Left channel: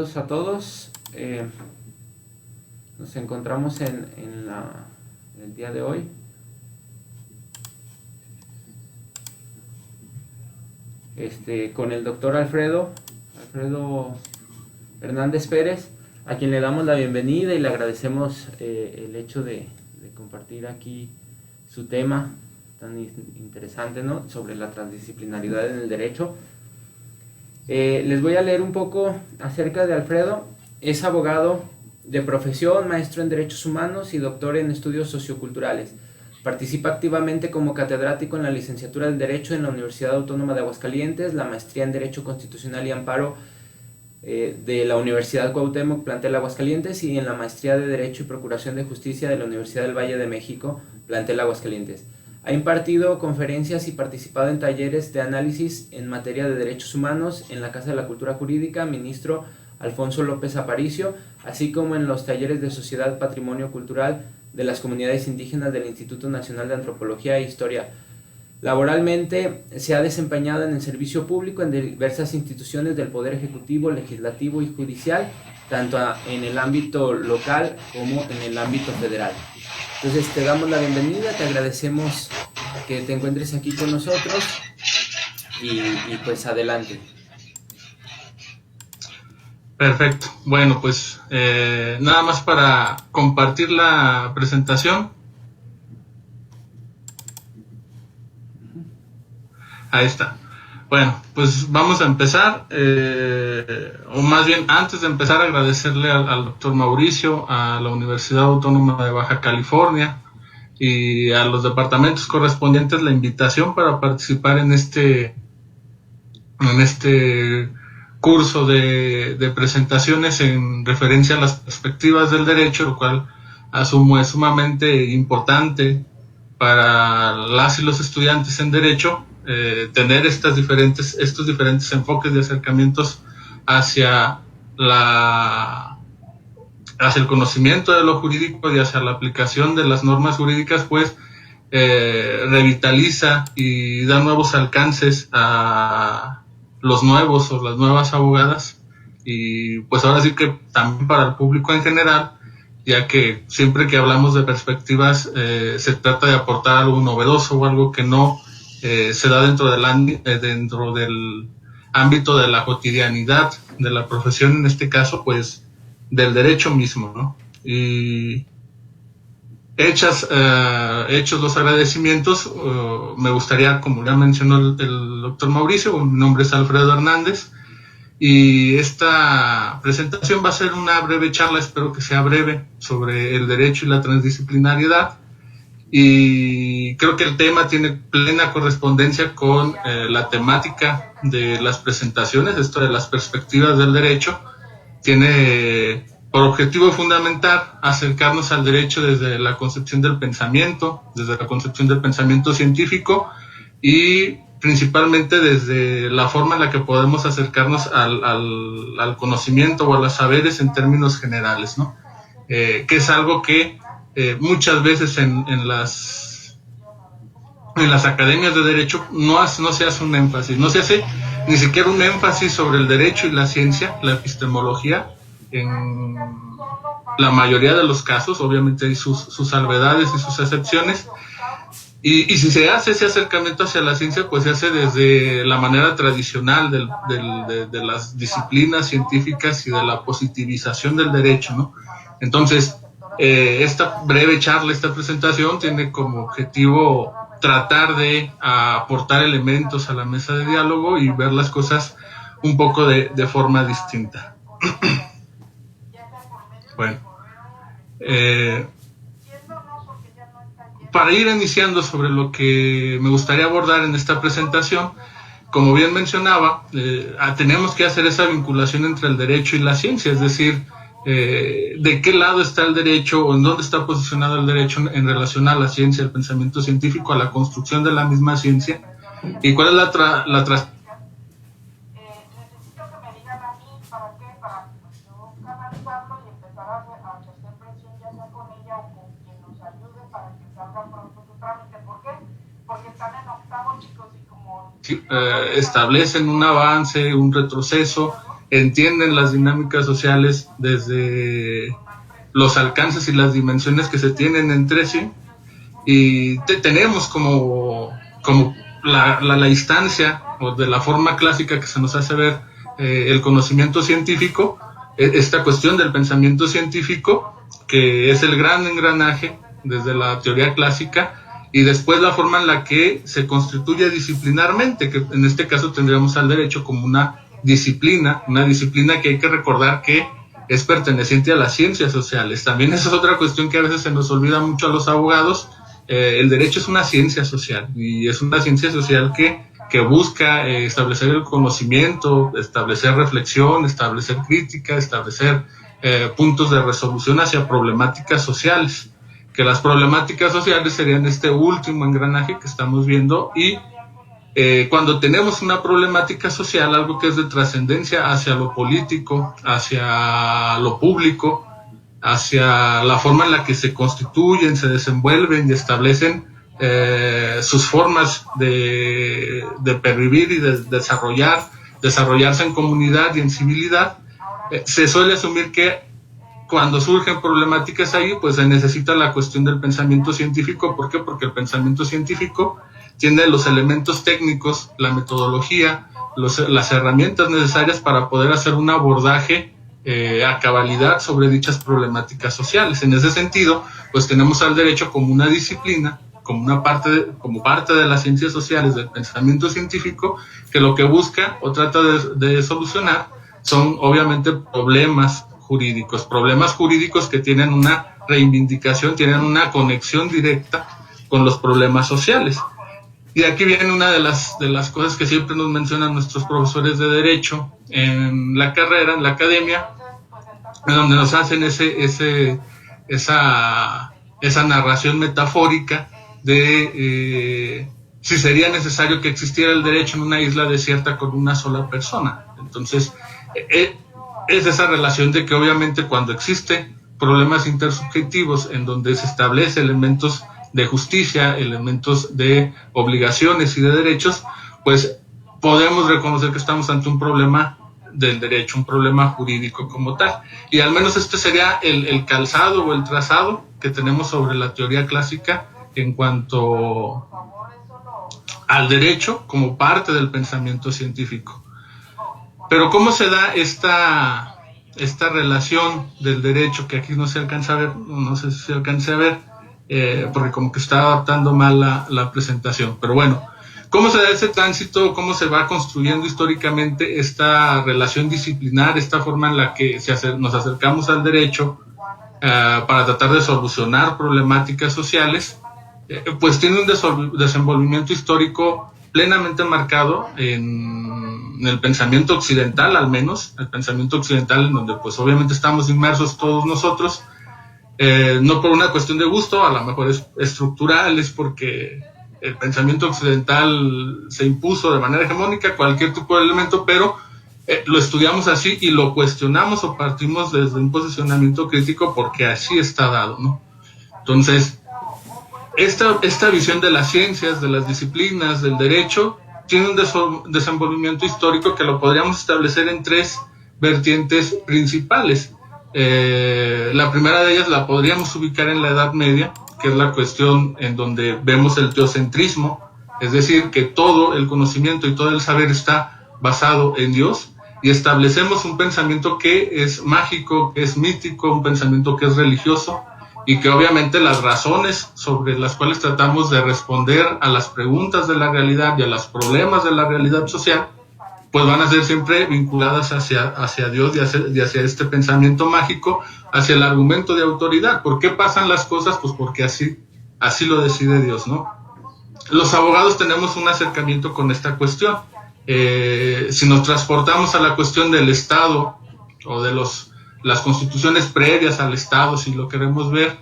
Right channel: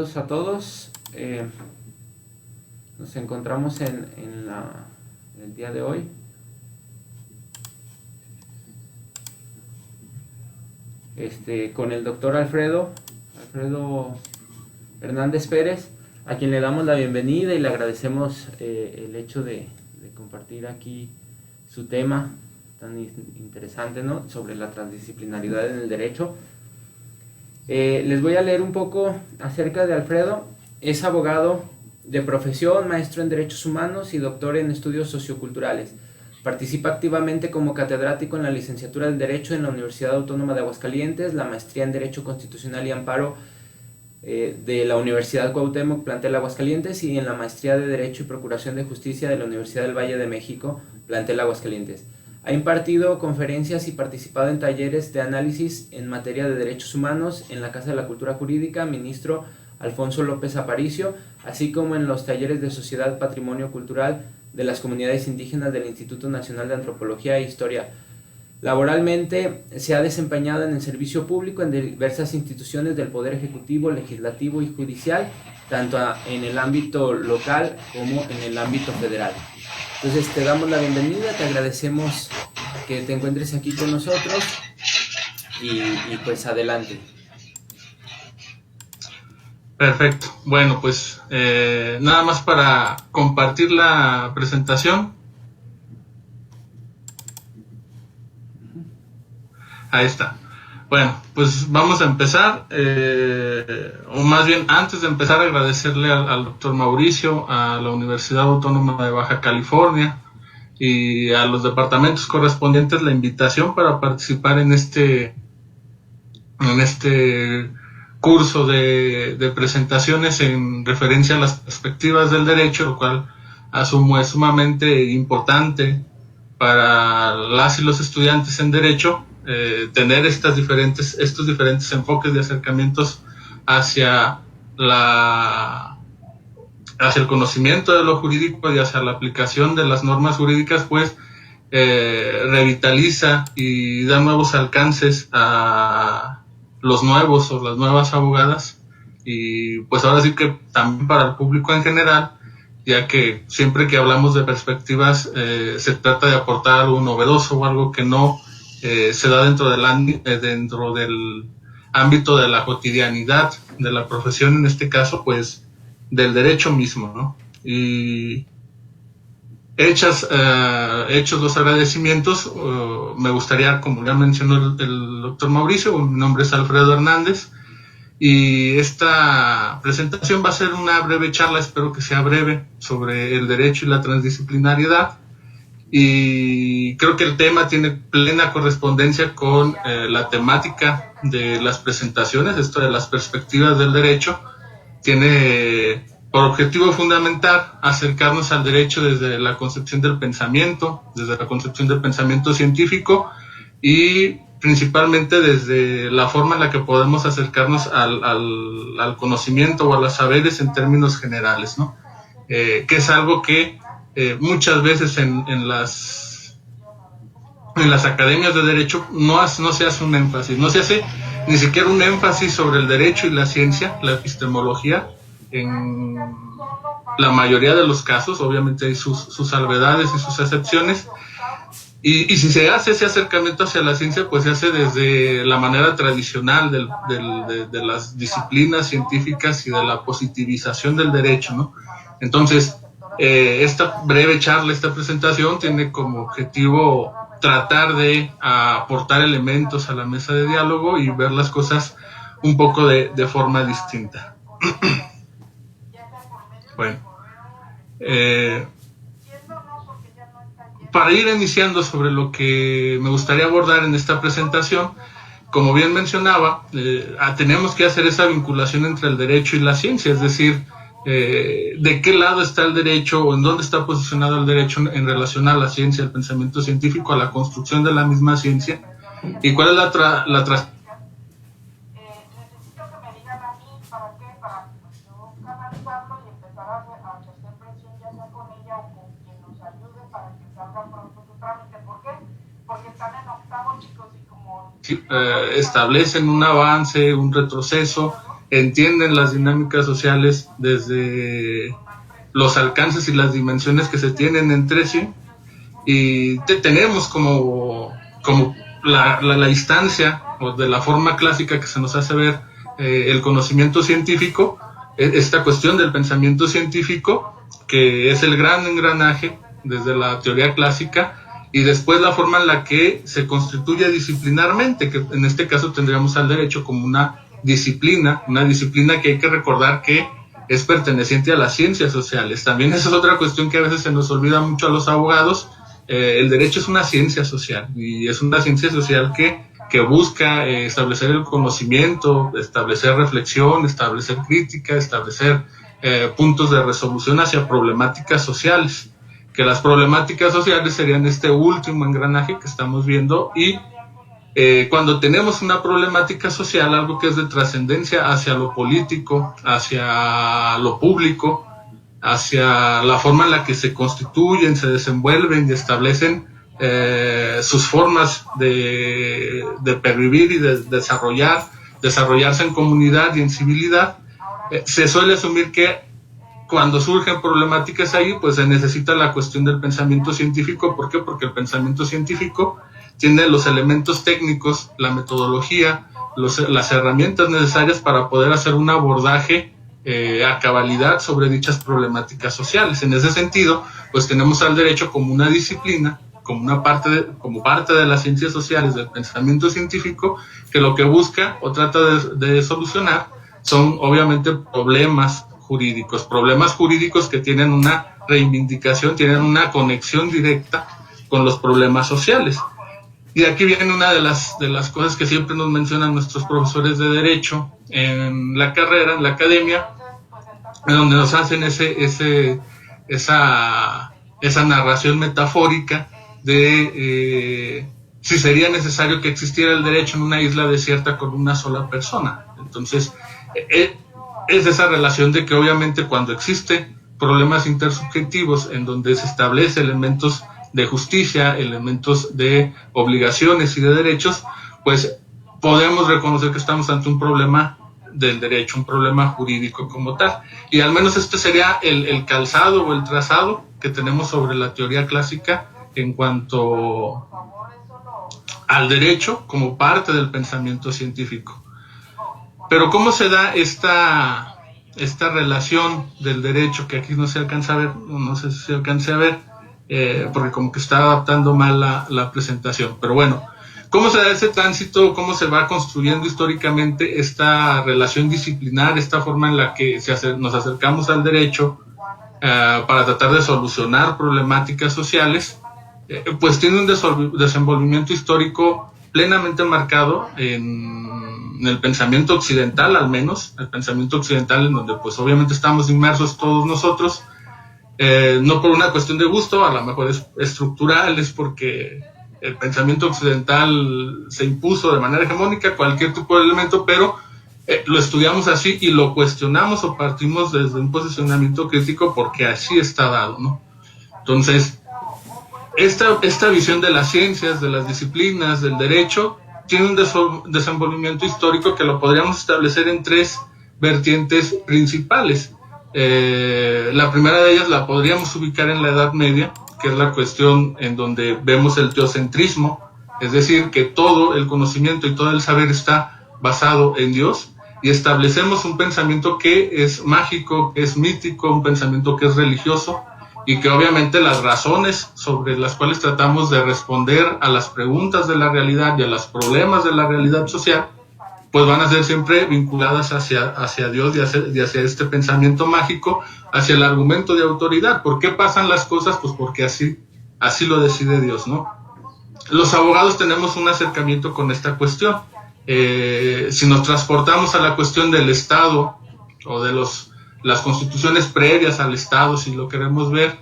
bienvenidos a todos. Nos encontramos en el día de hoy. Con el doctor Alfredo Hernández Pérez, a quien le damos la bienvenida y le agradecemos el hecho de compartir aquí su tema tan interesante, ¿no?, sobre la transdisciplinaridad en el derecho. Les voy a leer un poco acerca de Alfredo. Es abogado de profesión, maestro en Derechos Humanos y doctor en Estudios Socioculturales. Participa activamente como catedrático en la licenciatura en Derecho en la Universidad Autónoma de Aguascalientes, la maestría en Derecho Constitucional y Amparo de la Universidad Cuauhtémoc, plantel Aguascalientes, y en la maestría de Derecho y Procuración de Justicia de la Universidad del Valle de México, plantel Aguascalientes. Ha impartido conferencias y participado en talleres de análisis en materia de derechos humanos en la Casa de la Cultura Jurídica, ministro Alfonso López Aparicio, así como en los talleres de Sociedad Patrimonio Cultural de las Comunidades Indígenas del Instituto Nacional de Antropología e Historia. Laboralmente se ha desempeñado en el servicio público en diversas instituciones del Poder Ejecutivo, Legislativo y Judicial, tanto en el ámbito local como en el ámbito federal. Entonces te damos la bienvenida, te agradecemos que te encuentres aquí con nosotros y pues adelante. Perfecto. Bueno, pues nada más para compartir la presentación. Ahí está. Bueno, pues vamos a empezar, o más bien antes de empezar, agradecerle al doctor Mauricio, a la Universidad Autónoma de Baja California y a los departamentos correspondientes la invitación para participar en este curso de presentaciones en referencia a las perspectivas del derecho, lo cual asumo es sumamente importante para las y los estudiantes en derecho, tener estos diferentes enfoques de acercamientos hacia el conocimiento de lo jurídico y hacia la aplicación de las normas jurídicas, pues revitaliza y da nuevos alcances a los nuevos o las nuevas abogadas, y pues ahora sí que también para el público en general, ya que siempre que hablamos de perspectivas se trata de aportar algo novedoso o algo que no se da dentro del ámbito de la cotidianidad de la profesión, en este caso pues del derecho mismo, ¿no? Y hechos los agradecimientos, me gustaría, como ya mencionó el doctor Mauricio, mi nombre es Alfredo Hernández, y esta presentación va a ser una breve charla, espero que sea breve, sobre el derecho y la transdisciplinariedad, y creo que el tema tiene plena correspondencia con la temática de las presentaciones. Esto de las perspectivas del derecho tiene por objetivo fundamental acercarnos al derecho desde la concepción del pensamiento, desde la concepción del pensamiento científico, y principalmente desde la forma en la que podemos acercarnos al conocimiento o a los saberes en términos generales, ¿no? Que es algo que muchas veces en las academias de derecho no se hace un énfasis, no se hace ni siquiera un énfasis sobre el derecho y la ciencia, la epistemología, en la mayoría de los casos. Obviamente hay sus salvedades y sus excepciones, y si se hace ese acercamiento hacia la ciencia, pues se hace desde la manera tradicional de las disciplinas científicas y de la positivización del derecho, ¿no? Entonces, esta breve charla, esta presentación, tiene como objetivo tratar de aportar elementos a la mesa de diálogo y ver las cosas un poco de forma distinta. Bueno, para ir iniciando sobre lo que me gustaría abordar en esta presentación, como bien mencionaba, tenemos que hacer esa vinculación entre el derecho y la ciencia, es decir, de qué lado está el derecho o en dónde está posicionado el derecho en relación a la ciencia, el pensamiento científico, a la construcción de la misma ciencia, y cuál es la establecen un avance, un retroceso, entienden las dinámicas sociales desde los alcances y las dimensiones que se tienen entre sí, y tenemos como la instancia o de la forma clásica que se nos hace ver el conocimiento científico, esta cuestión del pensamiento científico, que es el gran engranaje desde la teoría clásica, y después la forma en la que se constituye disciplinarmente, que en este caso tendríamos al derecho como una disciplina que hay que recordar que es perteneciente a las ciencias sociales. También esa es otra cuestión que a veces se nos olvida mucho a los abogados. El derecho es una ciencia social, y es una ciencia social que busca establecer el conocimiento, establecer reflexión, establecer crítica, establecer puntos de resolución hacia problemáticas sociales, que las problemáticas sociales serían este último engranaje que estamos viendo. Y cuando tenemos una problemática social, algo que es de trascendencia hacia lo político, hacia lo público, hacia la forma en la que se constituyen, se desenvuelven y establecen sus formas de pervivir y de desarrollarse en comunidad y en civilidad, se suele asumir que cuando surgen problemáticas ahí, pues se necesita la cuestión del pensamiento científico. ¿Por qué? Porque el pensamiento científico tiene los elementos técnicos, la metodología, las herramientas necesarias para poder hacer un abordaje a cabalidad sobre dichas problemáticas sociales. En ese sentido, pues tenemos al derecho como una disciplina, como parte de las ciencias sociales del pensamiento científico, que lo que busca o trata de solucionar son obviamente problemas jurídicos que tienen una reivindicación, tienen una conexión directa con los problemas sociales. Y aquí viene una de las cosas que siempre nos mencionan nuestros profesores de derecho en la carrera, en la academia, en donde nos hacen esa narración metafórica de si sería necesario que existiera el derecho en una isla desierta con una sola persona. Entonces, es esa relación de que obviamente cuando existen problemas intersubjetivos en donde se establece elementos de justicia, elementos de obligaciones y de derechos, pues podemos reconocer que estamos ante un problema del derecho, un problema jurídico como tal. Y al menos este sería el calzado o el trazado que tenemos sobre la teoría clásica en cuanto al derecho como parte del pensamiento científico. Pero ¿cómo se da esta relación del derecho, que aquí no se alcanza a ver, no sé si se alcance a ver, porque como que está adaptando mal la presentación? Pero bueno, ¿cómo se da ese tránsito? ¿Cómo se va construyendo históricamente esta relación disciplinar, esta forma en la que nos acercamos al derecho para tratar de solucionar problemáticas sociales? Pues tiene un desenvolvimiento histórico plenamente marcado en el pensamiento occidental, al menos el pensamiento occidental, en donde pues obviamente estamos inmersos todos nosotros, no por una cuestión de gusto, a lo mejor es estructural, es porque el pensamiento occidental se impuso de manera hegemónica cualquier tipo de elemento, pero lo estudiamos así y lo cuestionamos o partimos desde un posicionamiento crítico porque así está dado, ¿no? Entonces, esta visión de las ciencias, de las disciplinas, del derecho, tiene un desenvolvimiento histórico que lo podríamos establecer en tres vertientes principales. La primera de ellas la podríamos ubicar en la Edad Media, que es la cuestión en donde vemos el teocentrismo, es decir, que todo el conocimiento y todo el saber está basado en Dios, y establecemos un pensamiento que es mágico, que es mítico, un pensamiento que es religioso, y que obviamente las razones sobre las cuales tratamos de responder a las preguntas de la realidad y a los problemas de la realidad social, pues van a ser siempre vinculadas hacia Dios y hacia este pensamiento mágico, hacia el argumento de autoridad. ¿Por qué pasan las cosas? Pues porque así lo decide Dios, ¿no? Los abogados tenemos un acercamiento con esta cuestión. Si nos transportamos a la cuestión del Estado o de las constituciones previas al Estado, si lo queremos ver,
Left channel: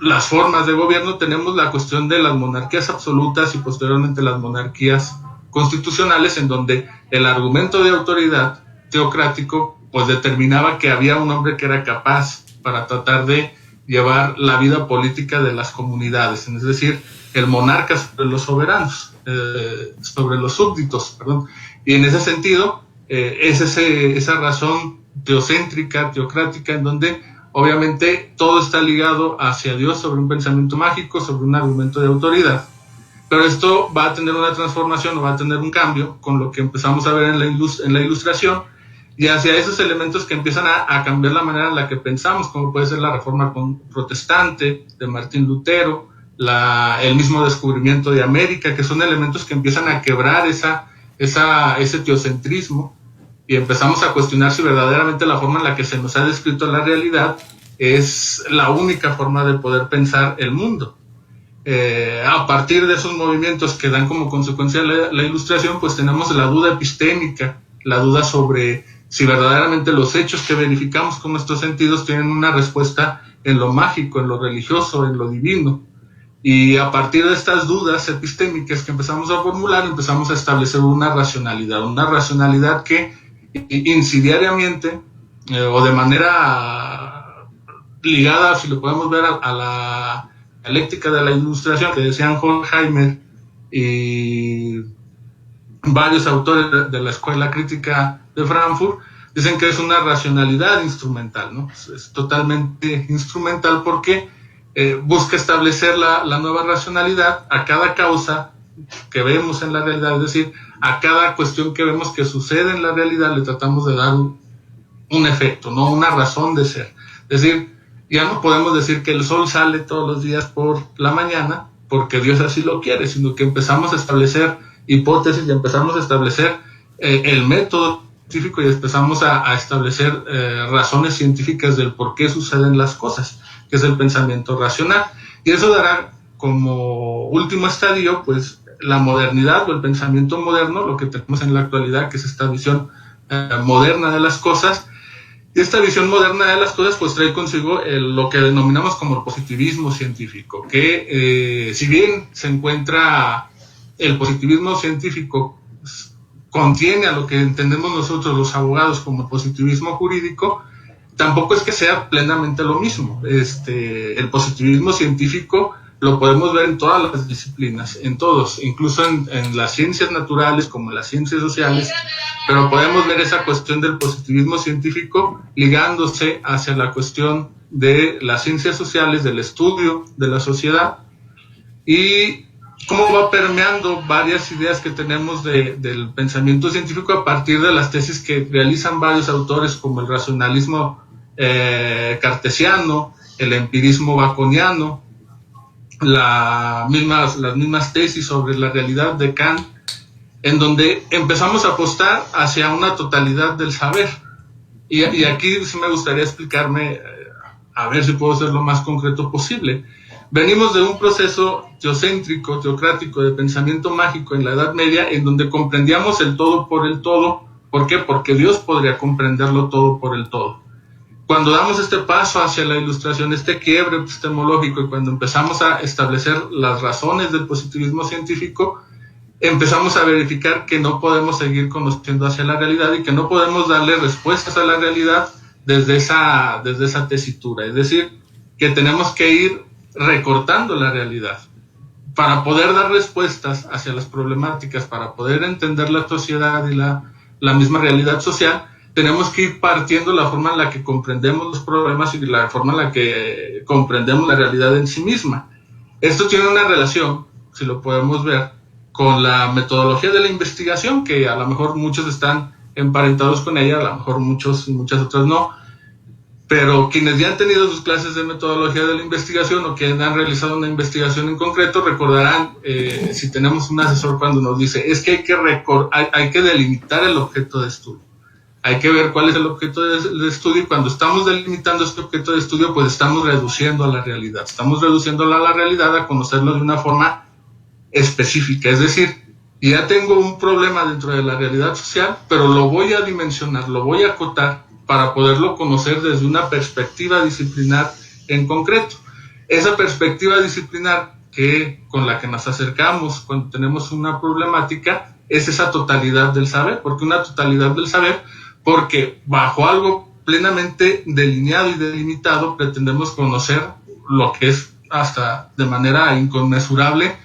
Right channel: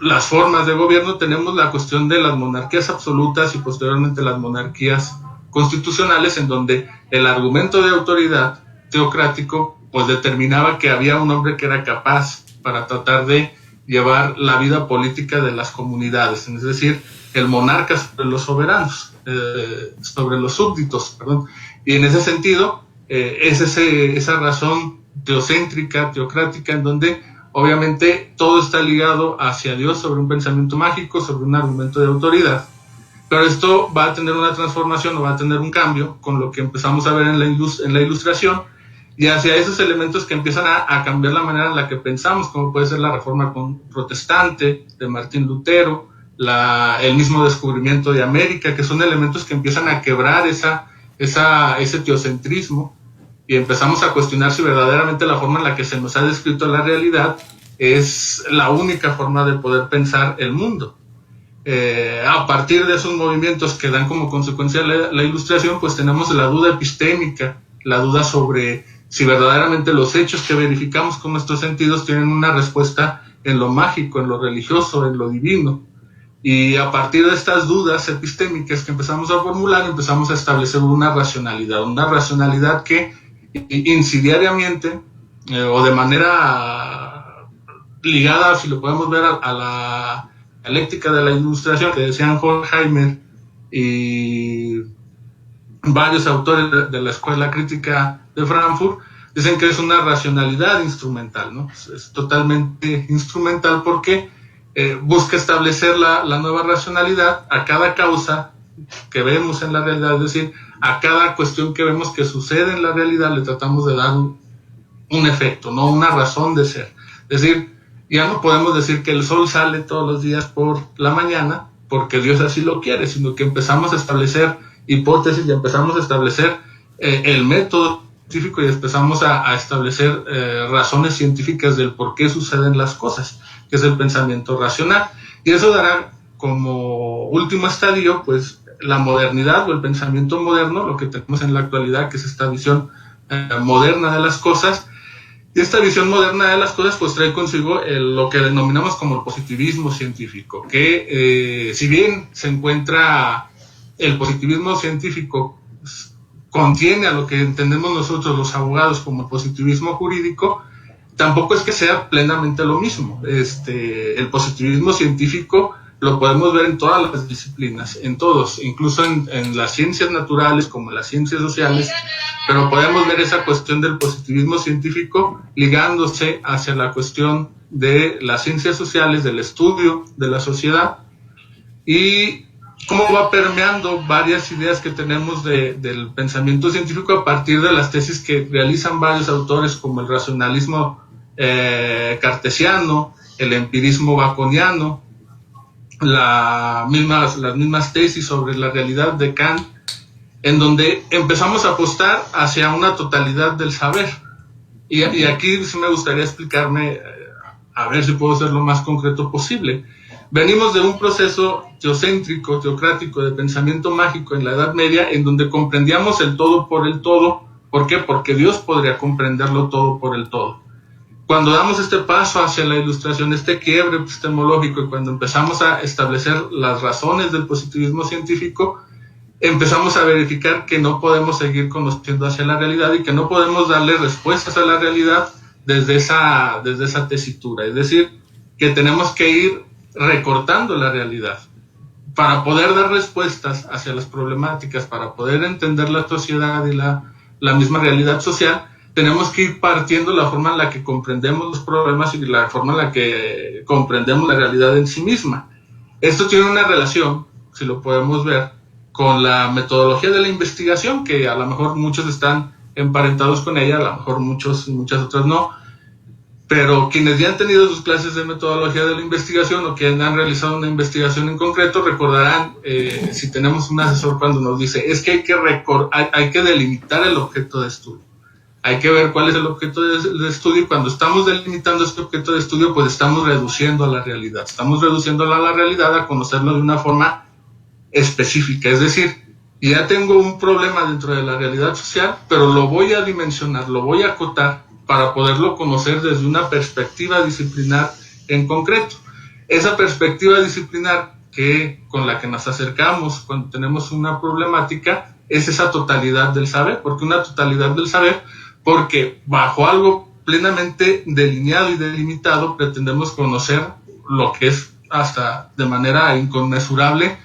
las formas de gobierno, tenemos la cuestión de las monarquías absolutas y posteriormente las monarquías constitucionales, en donde el argumento de autoridad teocrático pues determinaba que había un hombre que era capaz para tratar de llevar la vida política de las comunidades, es decir, el monarca sobre los soberanos, sobre los súbditos, perdón. Y en ese sentido, es esa razón teocéntrica, teocrática, en donde obviamente todo está ligado hacia Dios sobre un pensamiento mágico, sobre un argumento de autoridad. Pero esto va a tener una transformación o va a tener un cambio con lo que empezamos a ver en la ilustración, y hacia esos elementos que empiezan a cambiar la manera en la que pensamos, como puede ser la reforma protestante de Martín Lutero, el mismo descubrimiento de América, que son elementos que empiezan a quebrar ese teocentrismo, y empezamos a cuestionar si verdaderamente la forma en la que se nos ha descrito la realidad es la única forma de poder pensar el mundo. A partir de esos movimientos que dan como consecuencia la ilustración, pues tenemos la duda epistémica, la duda sobre si verdaderamente los hechos que verificamos con nuestros sentidos tienen una respuesta en lo mágico, en lo religioso, en lo divino. Y a partir de estas dudas epistémicas que empezamos a formular, empezamos a establecer una racionalidad que insidiariamente o de manera ligada, si lo podemos ver, a la dialéctica de la ilustración, que decían Horkheimer y varios autores de la escuela crítica de Frankfurt, dicen que es una racionalidad instrumental, ¿no? Es totalmente instrumental porque busca establecer la nueva racionalidad a cada causa que vemos en la realidad, es decir, a cada cuestión que vemos que sucede en la realidad le tratamos de dar un efecto, no una razón de ser. Es decir, ya no podemos decir que el sol sale todos los días por la mañana porque Dios así lo quiere, sino que empezamos a establecer hipótesis y empezamos a establecer el método científico y empezamos a establecer razones científicas del por qué suceden las cosas, que es el pensamiento racional. Y eso dará como último estadio, pues, la modernidad o el pensamiento moderno, lo que tenemos en la actualidad, que es esta visión moderna de las cosas. Y esta visión moderna de las cosas pues trae consigo lo que denominamos como el positivismo científico, que si bien se encuentra el positivismo científico, contiene a lo que entendemos nosotros los abogados como positivismo jurídico, tampoco es que sea plenamente lo mismo. El positivismo científico lo podemos ver en todas las disciplinas, en todos, incluso en las ciencias naturales como en las ciencias sociales, pero podemos ver esa cuestión del positivismo científico ligándose hacia la cuestión de las ciencias sociales, del estudio de la sociedad, y cómo va permeando varias ideas que tenemos del pensamiento científico a partir de las tesis que realizan varios autores, como el racionalismo cartesiano, el empirismo baconiano, las mismas tesis sobre la realidad de Kant, en donde empezamos a apostar hacia una totalidad del saber. Y aquí sí me gustaría explicarme, a ver si puedo ser lo más concreto posible. Venimos de un proceso teocéntrico, teocrático, de pensamiento mágico en la Edad Media, en donde comprendíamos el todo por el todo. ¿Por qué? Porque Dios podría comprenderlo todo por el todo. Cuando damos este paso hacia la ilustración, este quiebre epistemológico, y cuando empezamos a establecer las razones del positivismo científico, empezamos a verificar que no podemos seguir conociendo hacia la realidad y que no podemos darle respuestas a la realidad desde esa tesitura. Es decir, que tenemos que ir recortando la realidad para poder dar respuestas hacia las problemáticas, para poder entender la sociedad y la misma realidad social. Tenemos que ir partiendo la forma en la que comprendemos los problemas y la forma en la que comprendemos la realidad en sí misma. Esto tiene una relación, si lo podemos ver, con la metodología de la investigación, que a lo mejor muchos están emparentados con ella, a lo mejor muchas otras no, pero quienes ya han tenido sus clases de metodología de la investigación o quienes han realizado una investigación en concreto recordarán, si tenemos un asesor cuando nos dice, es que hay que delimitar el objeto de estudio. Hay que ver cuál es el objeto de estudio, y cuando estamos delimitando este objeto de estudio, pues estamos reduciendo a la realidad. Estamos reduciéndola a la realidad a conocerlo de una forma específica. Es decir, ya tengo un problema dentro de la realidad social, pero lo voy a dimensionar, lo voy a acotar para poderlo conocer desde una perspectiva disciplinar en concreto. Esa perspectiva disciplinar con la que nos acercamos cuando tenemos una problemática es esa totalidad del saber. ¿Por qué una totalidad del saber? Porque bajo algo plenamente delineado y delimitado pretendemos conocer lo que es hasta de manera inconmensurable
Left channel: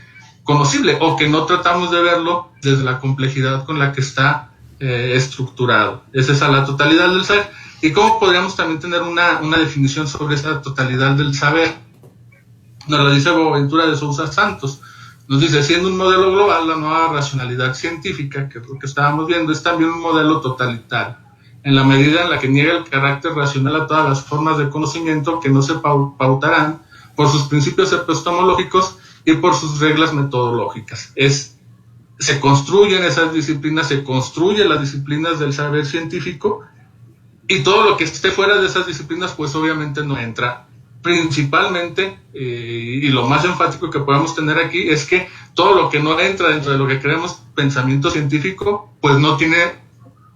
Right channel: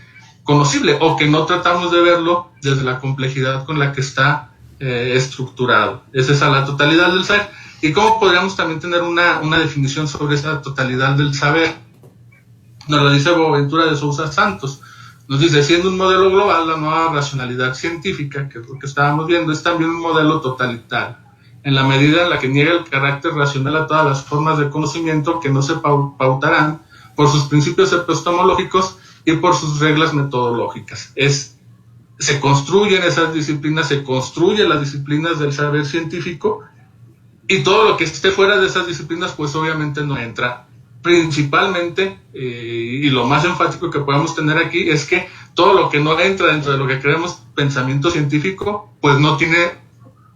conocible, o que no tratamos de verlo desde la complejidad con la que está estructurado. Esa es la totalidad del saber. ¿Y cómo podríamos también tener una definición sobre esa totalidad del saber? Nos lo dice Boaventura de Sousa Santos. Nos dice, siendo un modelo global, la nueva racionalidad científica, que es lo que estábamos viendo, es también un modelo totalitario, en la medida en la que niega el carácter racional a todas las formas de conocimiento que no se pautarán por sus principios epistemológicos y por sus reglas metodológicas. Se construyen esas disciplinas, se construyen las disciplinas del saber científico, y todo lo que esté fuera de esas disciplinas pues obviamente no entra. Principalmente, y lo más enfático que podemos tener aquí es que todo lo que no entra dentro de lo que creemos pensamiento científico pues no tiene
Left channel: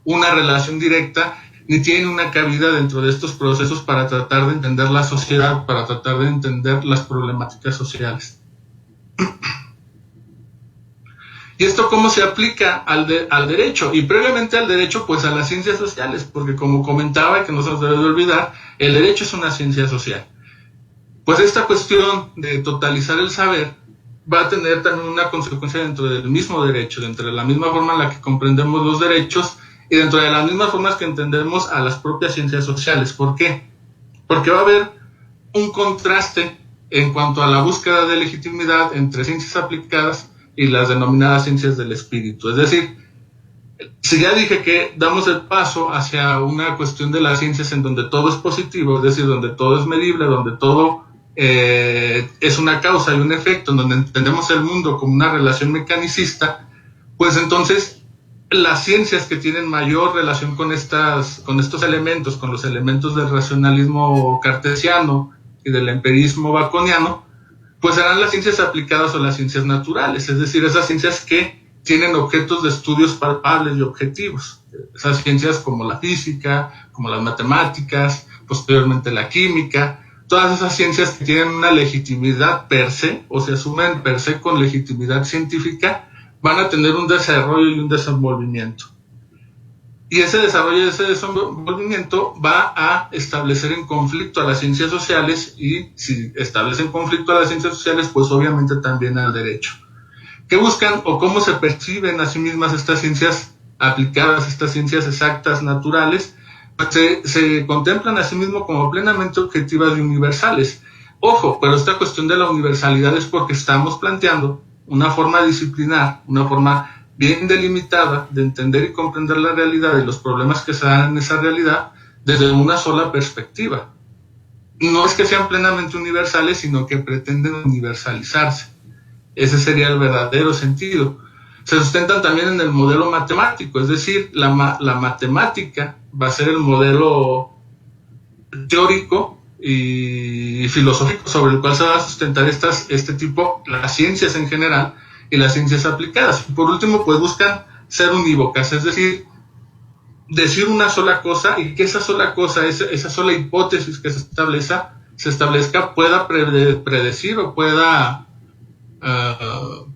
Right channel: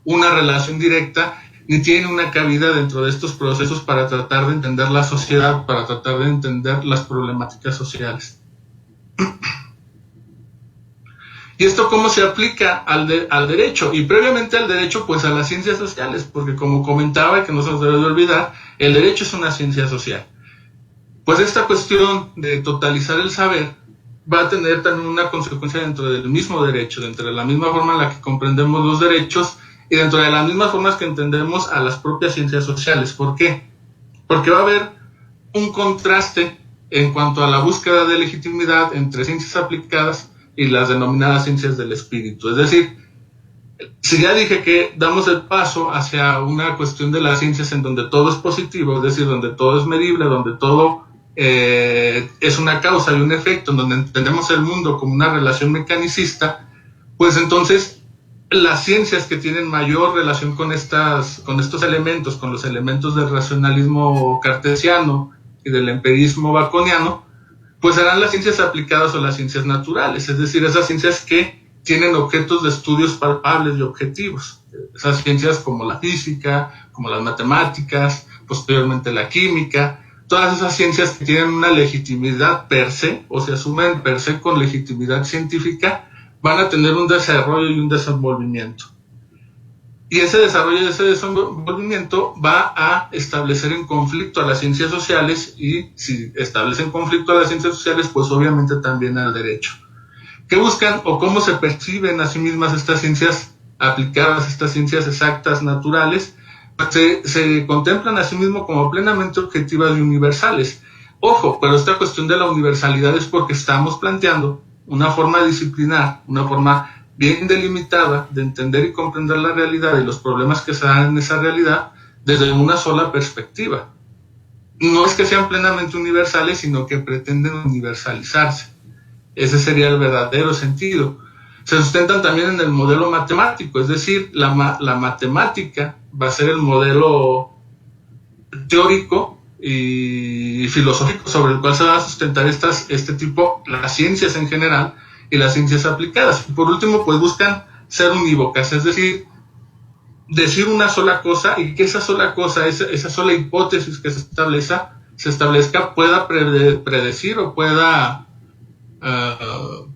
una relación directa ni tiene una cabida dentro de estos procesos para tratar de entender la sociedad, para tratar de entender las problemáticas sociales. ¿Y esto cómo se aplica al derecho? Y previamente al derecho, pues a las ciencias sociales, porque como comentaba, y que no se nos debe de olvidar, el derecho es una ciencia social. Pues esta cuestión de totalizar el saber va a tener también una consecuencia dentro del mismo derecho, dentro de la misma forma en la que comprendemos los derechos y dentro de las mismas formas que entendemos a las propias ciencias sociales. ¿Por qué? Porque va a haber un contraste en cuanto a la búsqueda de legitimidad entre ciencias aplicadas y las denominadas ciencias del espíritu. Es decir, si ya dije que damos el paso hacia una cuestión de las ciencias en donde todo es positivo, es decir, donde todo es medible, donde todo es una causa y un efecto, en donde entendemos el mundo como una relación mecanicista, pues entonces las ciencias que tienen mayor relación con estos elementos, con los elementos del racionalismo cartesiano y del empirismo baconiano, pues serán las ciencias aplicadas o las ciencias naturales, es decir, esas ciencias que tienen objetos de estudios palpables y objetivos. Esas ciencias como la física, como las matemáticas, posteriormente la química, todas esas ciencias que tienen una legitimidad per se, o se asumen per se con legitimidad científica, van a tener un desarrollo y un desenvolvimiento. Y ese desarrollo y ese desenvolvimiento va a establecer en conflicto a las ciencias sociales, y si establecen conflicto a las ciencias sociales, pues obviamente también al derecho. ¿Qué buscan o cómo se perciben a sí mismas estas ciencias aplicadas, estas ciencias exactas, naturales? Pues se contemplan a sí mismos como plenamente objetivas y universales. Ojo, pero esta cuestión de la universalidad es porque estamos planteando una forma disciplinar, una forma bien delimitada de entender y comprender la realidad y los problemas que se dan en esa realidad desde una sola perspectiva. No es que sean plenamente universales, sino que pretenden universalizarse. Ese sería el verdadero sentido. Se sustentan también en el modelo matemático, es decir, la matemática va a ser el modelo teórico y filosófico sobre el cual se va a sustentar este tipo, las ciencias en general y las ciencias aplicadas. Y por último, pues buscan ser unívocas, es decir, decir una sola cosa y que esa sola cosa, esa sola hipótesis que se establezca pueda predecir o pueda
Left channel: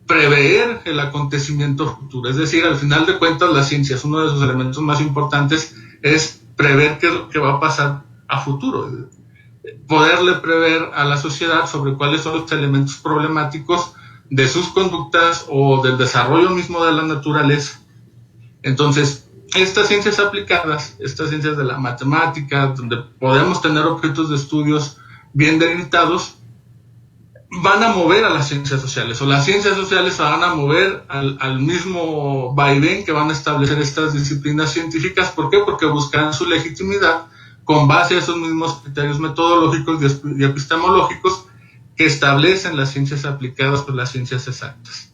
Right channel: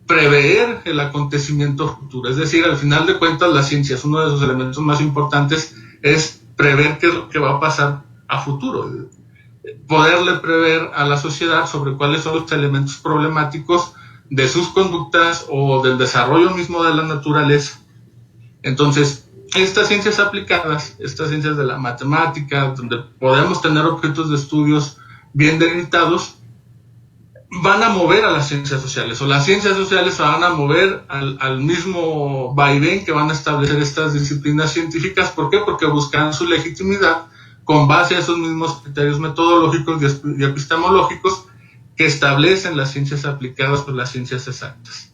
prever el acontecimiento futuro. Es decir, al final de cuentas, las ciencias, uno de sus elementos más importantes es prever qué es lo que va a pasar a futuro, poderle prever a la sociedad sobre cuáles son los elementos problemáticos de sus conductas o del desarrollo mismo de la naturaleza. Entonces, estas ciencias aplicadas, estas ciencias de la matemática, donde podemos tener objetos de estudios bien delimitados, van a mover a las ciencias sociales, o las ciencias sociales se van a mover al mismo vaivén que van a establecer estas disciplinas científicas. ¿Por qué? Porque buscarán su legitimidad con base a esos mismos criterios metodológicos y epistemológicos que establecen las ciencias aplicadas por las ciencias exactas.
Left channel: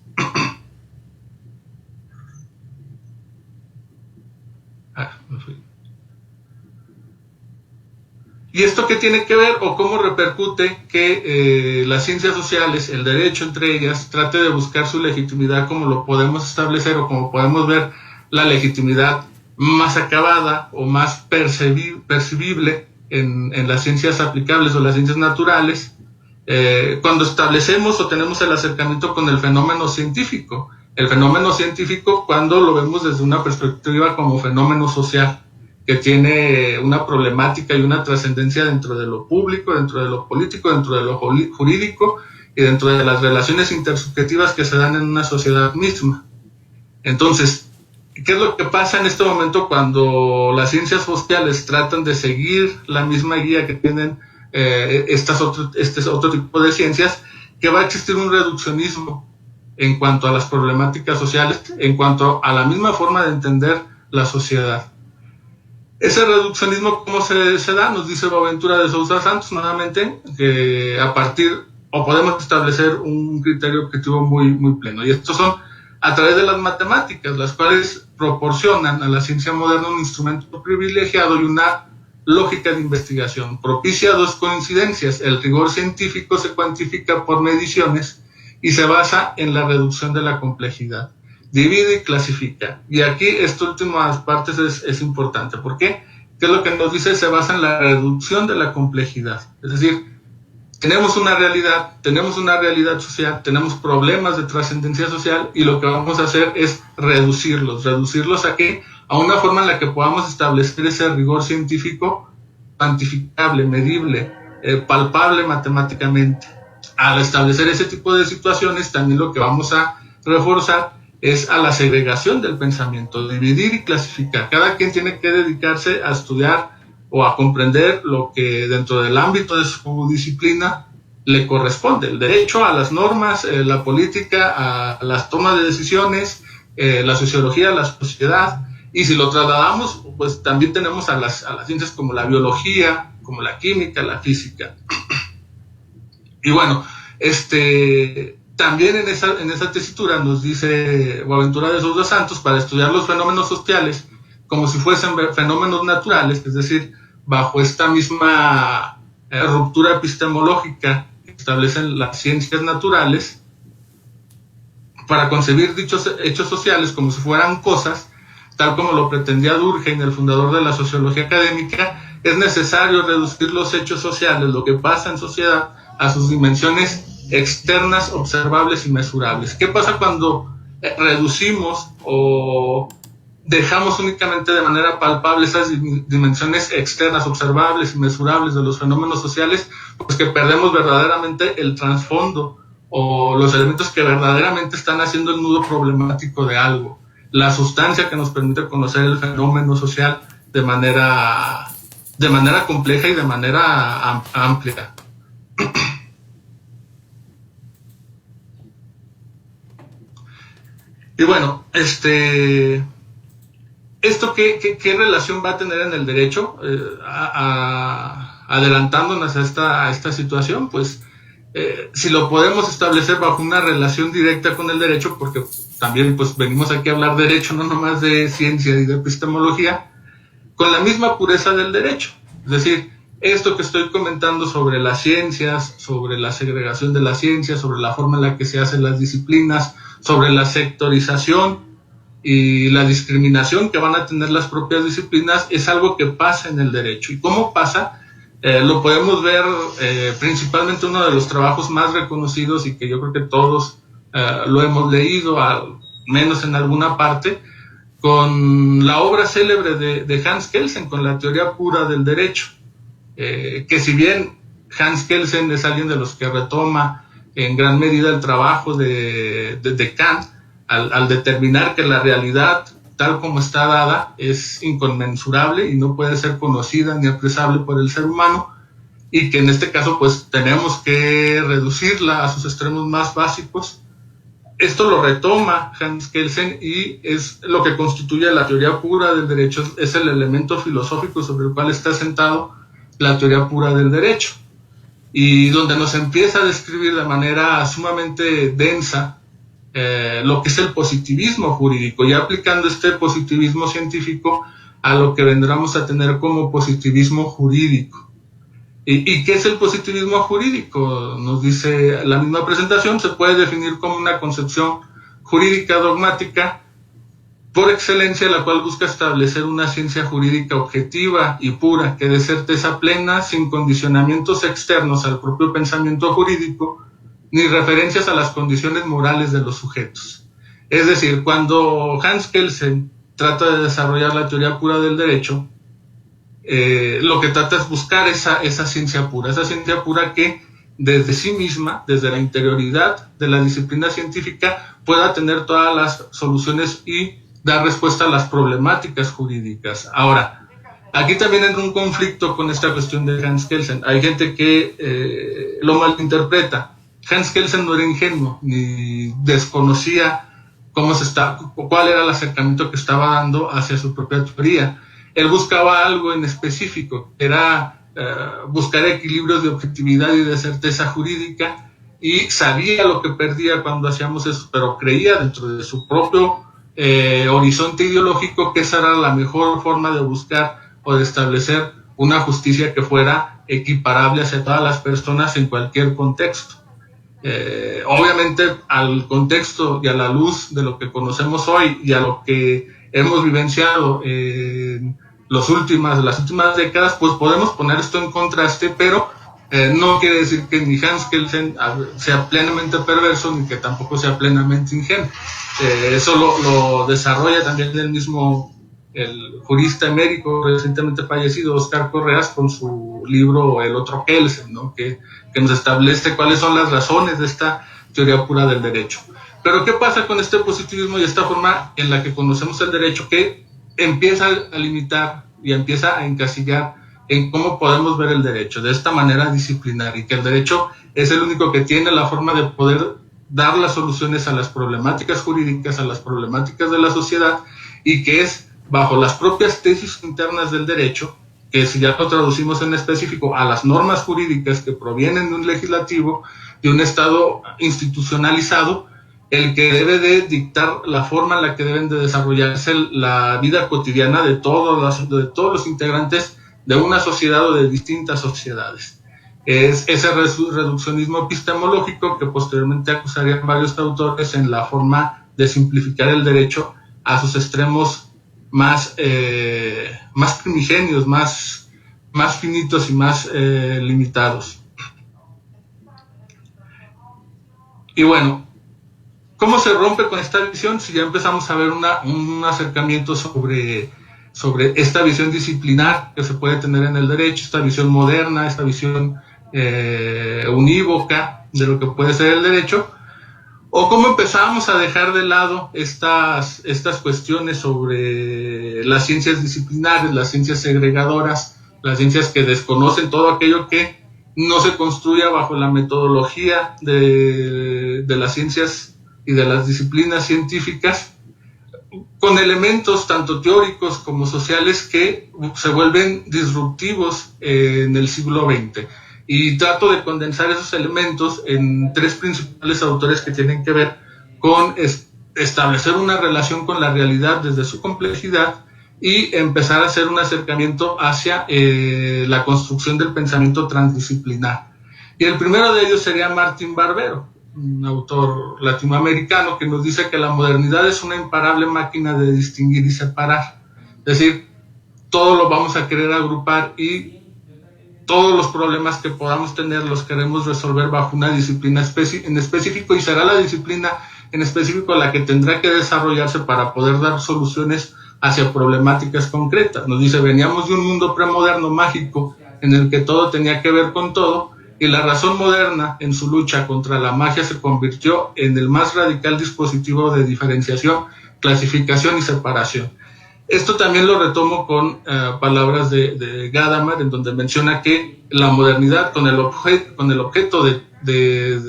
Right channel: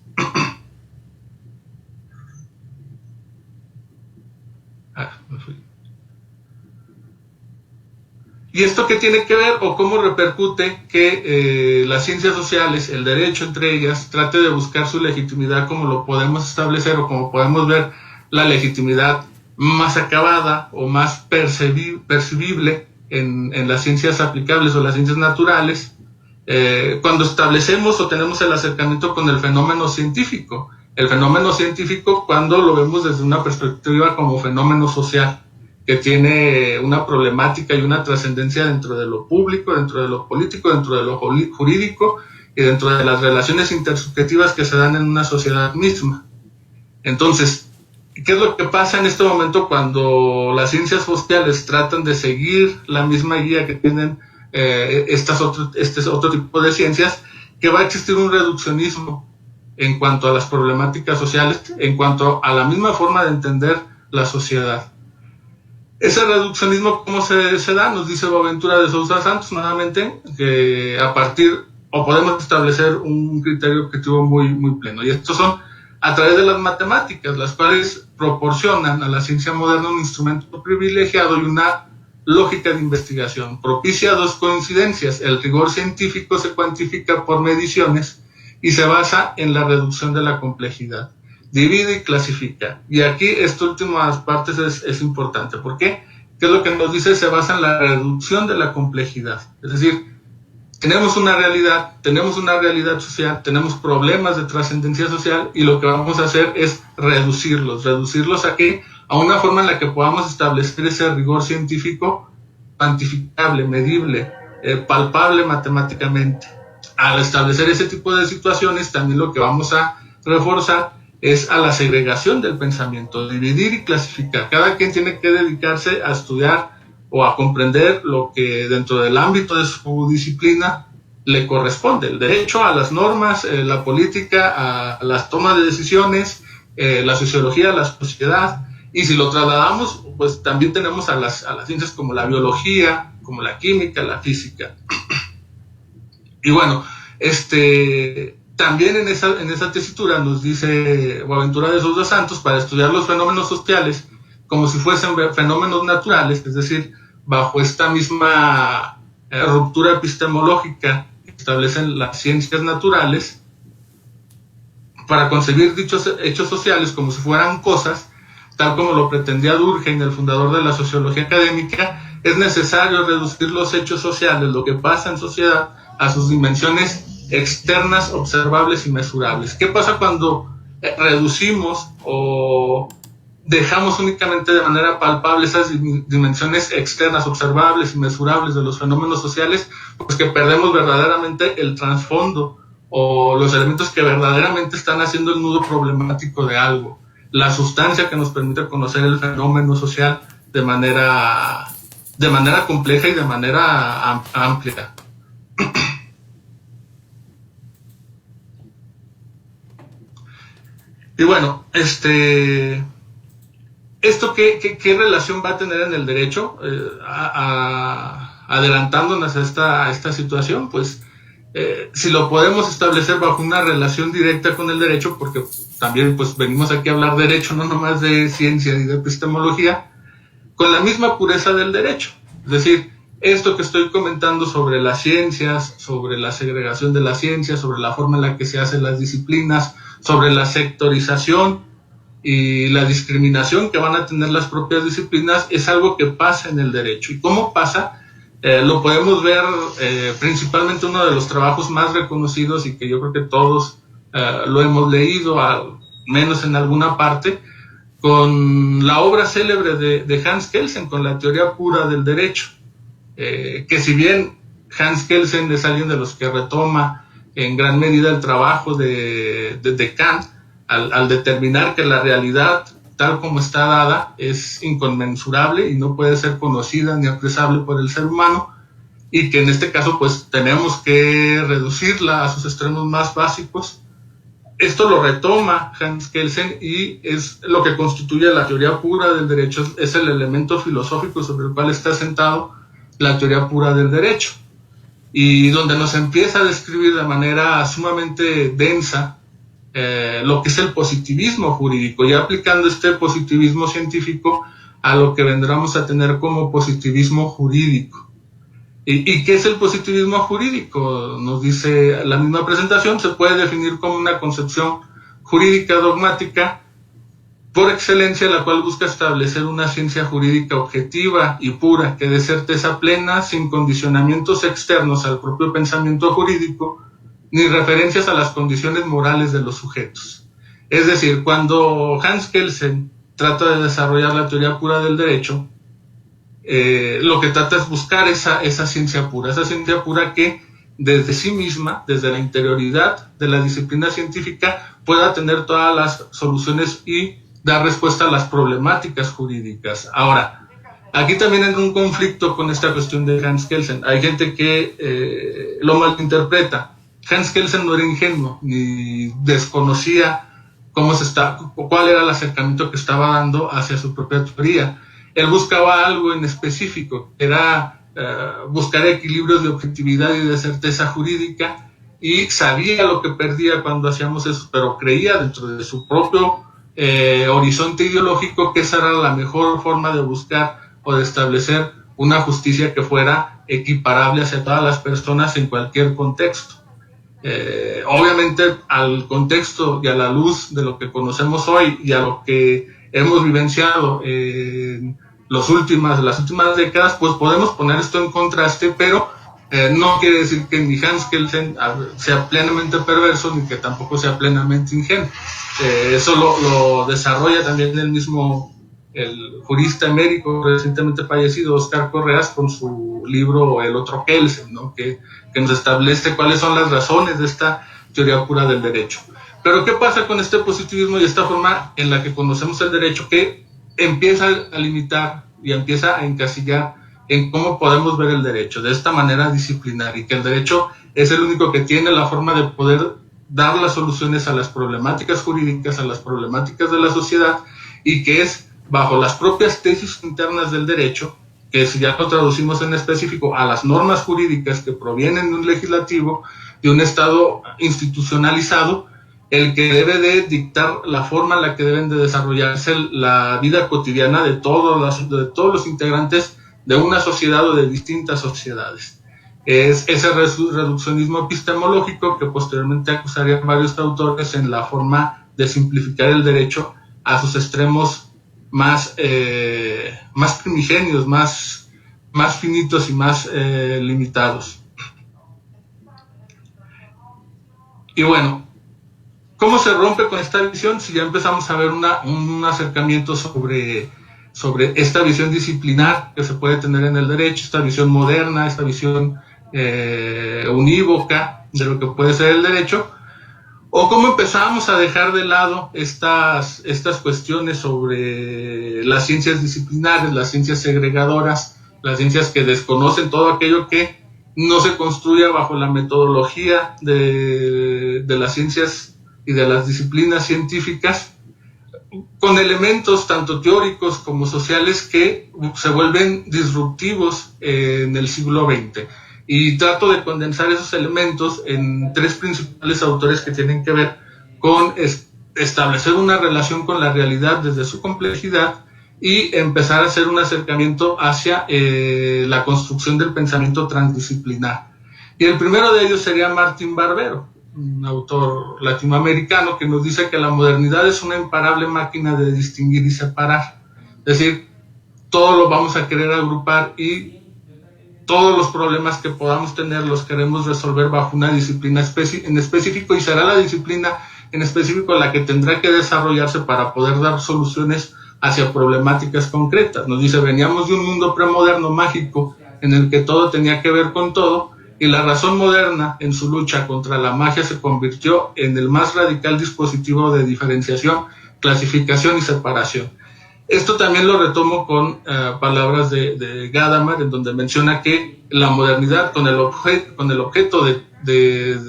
Me fui. ¿Y esto qué tiene que ver o cómo repercute que las ciencias sociales, el derecho entre ellas, trate de buscar su legitimidad como lo podemos establecer o como podemos ver la legitimidad más acabada o más percibible en las ciencias aplicables o las ciencias naturales, cuando establecemos o tenemos el acercamiento con el fenómeno científico? El fenómeno científico cuando lo vemos desde una perspectiva como fenómeno social, que tiene una problemática y una trascendencia dentro de lo público, dentro de lo político, dentro de lo jurídico y dentro de las relaciones intersubjetivas que se dan en una sociedad misma. Entonces, ¿Qué es lo que pasa en este momento cuando las ciencias sociales tratan de seguir la misma guía que tienen este otro tipo de ciencias? Que va a existir un reduccionismo en cuanto a las problemáticas sociales, en cuanto a la misma forma de entender la sociedad. Ese reduccionismo, ¿cómo se da? Nos dice Boaventura de Sousa Santos nuevamente, que a partir, o podemos establecer un criterio objetivo muy pleno. Y estos son a través de las matemáticas, las cuales proporcionan a la ciencia moderna un instrumento privilegiado y una lógica de investigación. Propicia dos coincidencias: el rigor científico se cuantifica por mediciones y se basa en la reducción de la complejidad. Divide y clasifica. Y aquí esta última parte es importante. ¿Por qué? ¿Qué es lo que nos dice? Se basa en la reducción de la complejidad. Es decir, tenemos una realidad social, tenemos problemas de trascendencia social, y lo que vamos a hacer es reducirlos. ¿A qué? A una forma en la que podamos establecer ese rigor científico cuantificable, medible, palpable matemáticamente. Al establecer ese tipo de situaciones, también lo que vamos a reforzar es a la segregación del pensamiento, dividir y clasificar. Cada quien tiene que dedicarse a estudiar o a comprender lo que dentro del ámbito de su disciplina le corresponde: el derecho, a las normas, la política, a las tomas de decisiones, la sociología, la sociedad. Y si lo trasladamos, pues también tenemos a las ciencias como la biología, como la química, la física. Y bueno, también en esa tesitura nos dice Boaventura de Sousa Santos, para estudiar los fenómenos sociales como si fuesen fenómenos naturales, es decir, bajo esta misma ruptura epistemológica que establecen las ciencias naturales, para concebir dichos hechos sociales como si fueran cosas, tal como lo pretendía Durkheim, el fundador de la sociología académica, es necesario reducir los hechos sociales, lo que pasa en sociedad, a sus dimensiones externas, observables y mesurables. ¿Qué pasa cuando reducimos o dejamos únicamente de manera palpable esas dimensiones externas, observables y mesurables de los fenómenos sociales? Pues que perdemos verdaderamente el trasfondo o los elementos que verdaderamente están haciendo el nudo problemático de algo, la sustancia que nos permite conocer el fenómeno social de manera compleja y de manera amplia. Y bueno, ¿esto qué relación va a tener en el derecho? Adelantándonos a esta situación, pues si lo podemos establecer bajo una relación directa con el derecho, porque también pues venimos aquí a hablar de derecho, no nomás de ciencia y de epistemología, con la misma pureza del derecho. Es decir, esto que estoy comentando sobre las ciencias, sobre la segregación de las ciencias, sobre la forma en la que se hacen las disciplinas, sobre la sectorización y la discriminación que van a tener las propias disciplinas, es algo que pasa en el derecho. ¿Y cómo pasa? Lo podemos ver principalmente uno de los trabajos más reconocidos y que yo creo que todos lo hemos leído, al menos en alguna parte, con la obra célebre de Hans Kelsen, con la teoría pura del derecho. Que si bien Hans Kelsen es alguien de los que retoma en gran medida el trabajo de Kant, al determinar que la realidad tal como está dada es inconmensurable y no puede ser conocida ni expresable por el ser humano, y que en este caso pues tenemos que reducirla a sus extremos más básicos. Esto lo retoma Hans Kelsen y es lo que constituye la teoría pura del derecho, es el elemento filosófico sobre el cual está sentado la teoría pura del derecho, y donde nos empieza a describir de manera sumamente densa lo que es el positivismo jurídico, ya aplicando este positivismo científico a lo que vendremos a tener como positivismo jurídico. ¿Y qué es el positivismo jurídico? Nos dice la misma presentación: se puede definir como una concepción jurídica dogmática por excelencia, la cual busca establecer una ciencia jurídica objetiva y pura, que dé certeza plena, sin condicionamientos externos al propio pensamiento jurídico, ni referencias a las condiciones morales de los sujetos. Es decir, cuando Hans Kelsen trata de desarrollar la teoría pura del derecho, lo que trata es buscar esa ciencia pura que desde sí misma, desde la interioridad de la disciplina científica, pueda tener todas las soluciones y dar respuesta a las problemáticas jurídicas. Ahora, aquí también hay un conflicto con esta cuestión de Hans Kelsen. Hay gente que lo malinterpreta. Hans Kelsen no era ingenuo, ni desconocía cuál era el acercamiento que estaba dando hacia su propia teoría. Él buscaba algo en específico, era buscar equilibrios de objetividad y de certeza jurídica, y sabía lo que perdía cuando hacíamos eso, pero creía dentro de su propio horizonte ideológico que esa era la mejor forma de buscar o de establecer una justicia que fuera equiparable hacia todas las personas en cualquier contexto. Obviamente al contexto y a la luz de lo que conocemos hoy y a lo que hemos vivenciado en las últimas décadas, pues podemos poner esto en contraste, pero no quiere decir que ni Hans Kelsen sea plenamente perverso ni que tampoco sea plenamente ingenuo. Eso lo desarrolla también el jurista emérito recientemente fallecido Oscar Correas con su libro El otro Kelsen, ¿no? que nos establece cuáles son las razones de esta teoría pura del derecho. Pero ¿qué pasa con este positivismo y esta forma en la que conocemos el derecho, que empieza a limitar y empieza a encasillar en cómo podemos ver el derecho de esta manera disciplinar, y que el derecho es el único que tiene la forma de poder dar las soluciones a las problemáticas jurídicas, a las problemáticas de la sociedad, y que es bajo las propias tesis internas del derecho, que si ya lo traducimos en específico a las normas jurídicas que provienen de un legislativo, de un Estado institucionalizado, el que debe de dictar la forma en la que deben de desarrollarse la vida cotidiana de todos los integrantes de una sociedad o de distintas sociedades. Es ese reduccionismo epistemológico que posteriormente acusarían varios autores en la forma de simplificar el derecho a sus extremos más primigenios, más finitos y más limitados. Y bueno, ¿cómo se rompe con esta visión? Si ya empezamos a ver un acercamiento sobre esta visión disciplinar que se puede tener en el derecho, esta visión moderna, esta visión unívoca de lo que puede ser el derecho, o cómo empezamos a dejar de lado estas cuestiones sobre las ciencias disciplinares, las ciencias segregadoras, las ciencias que desconocen todo aquello que no se construya bajo la metodología de las ciencias y de las disciplinas científicas, con elementos tanto teóricos como sociales que se vuelven disruptivos en el siglo XX. Y trato de condensar esos elementos en tres principales autores que tienen que ver con establecer una relación con la realidad desde su complejidad y empezar a hacer un acercamiento hacia la construcción del pensamiento transdisciplinar. Y el primero de ellos sería Martín Barbero, un autor latinoamericano que nos dice que la modernidad es una imparable máquina de distinguir y separar. Es decir, todo lo vamos a querer agrupar y todos los problemas que podamos tener los queremos resolver bajo una disciplina en específico, y será la disciplina en específico la que tendrá que desarrollarse para poder dar soluciones hacia problemáticas concretas. Nos dice, veníamos de un mundo premoderno mágico en el que todo tenía que ver con todo, y la razón moderna en su lucha contra la magia se convirtió en el más radical dispositivo de diferenciación, clasificación y separación. Esto también lo retomo con palabras de Gadamer, en donde menciona que la modernidad, con el objeto de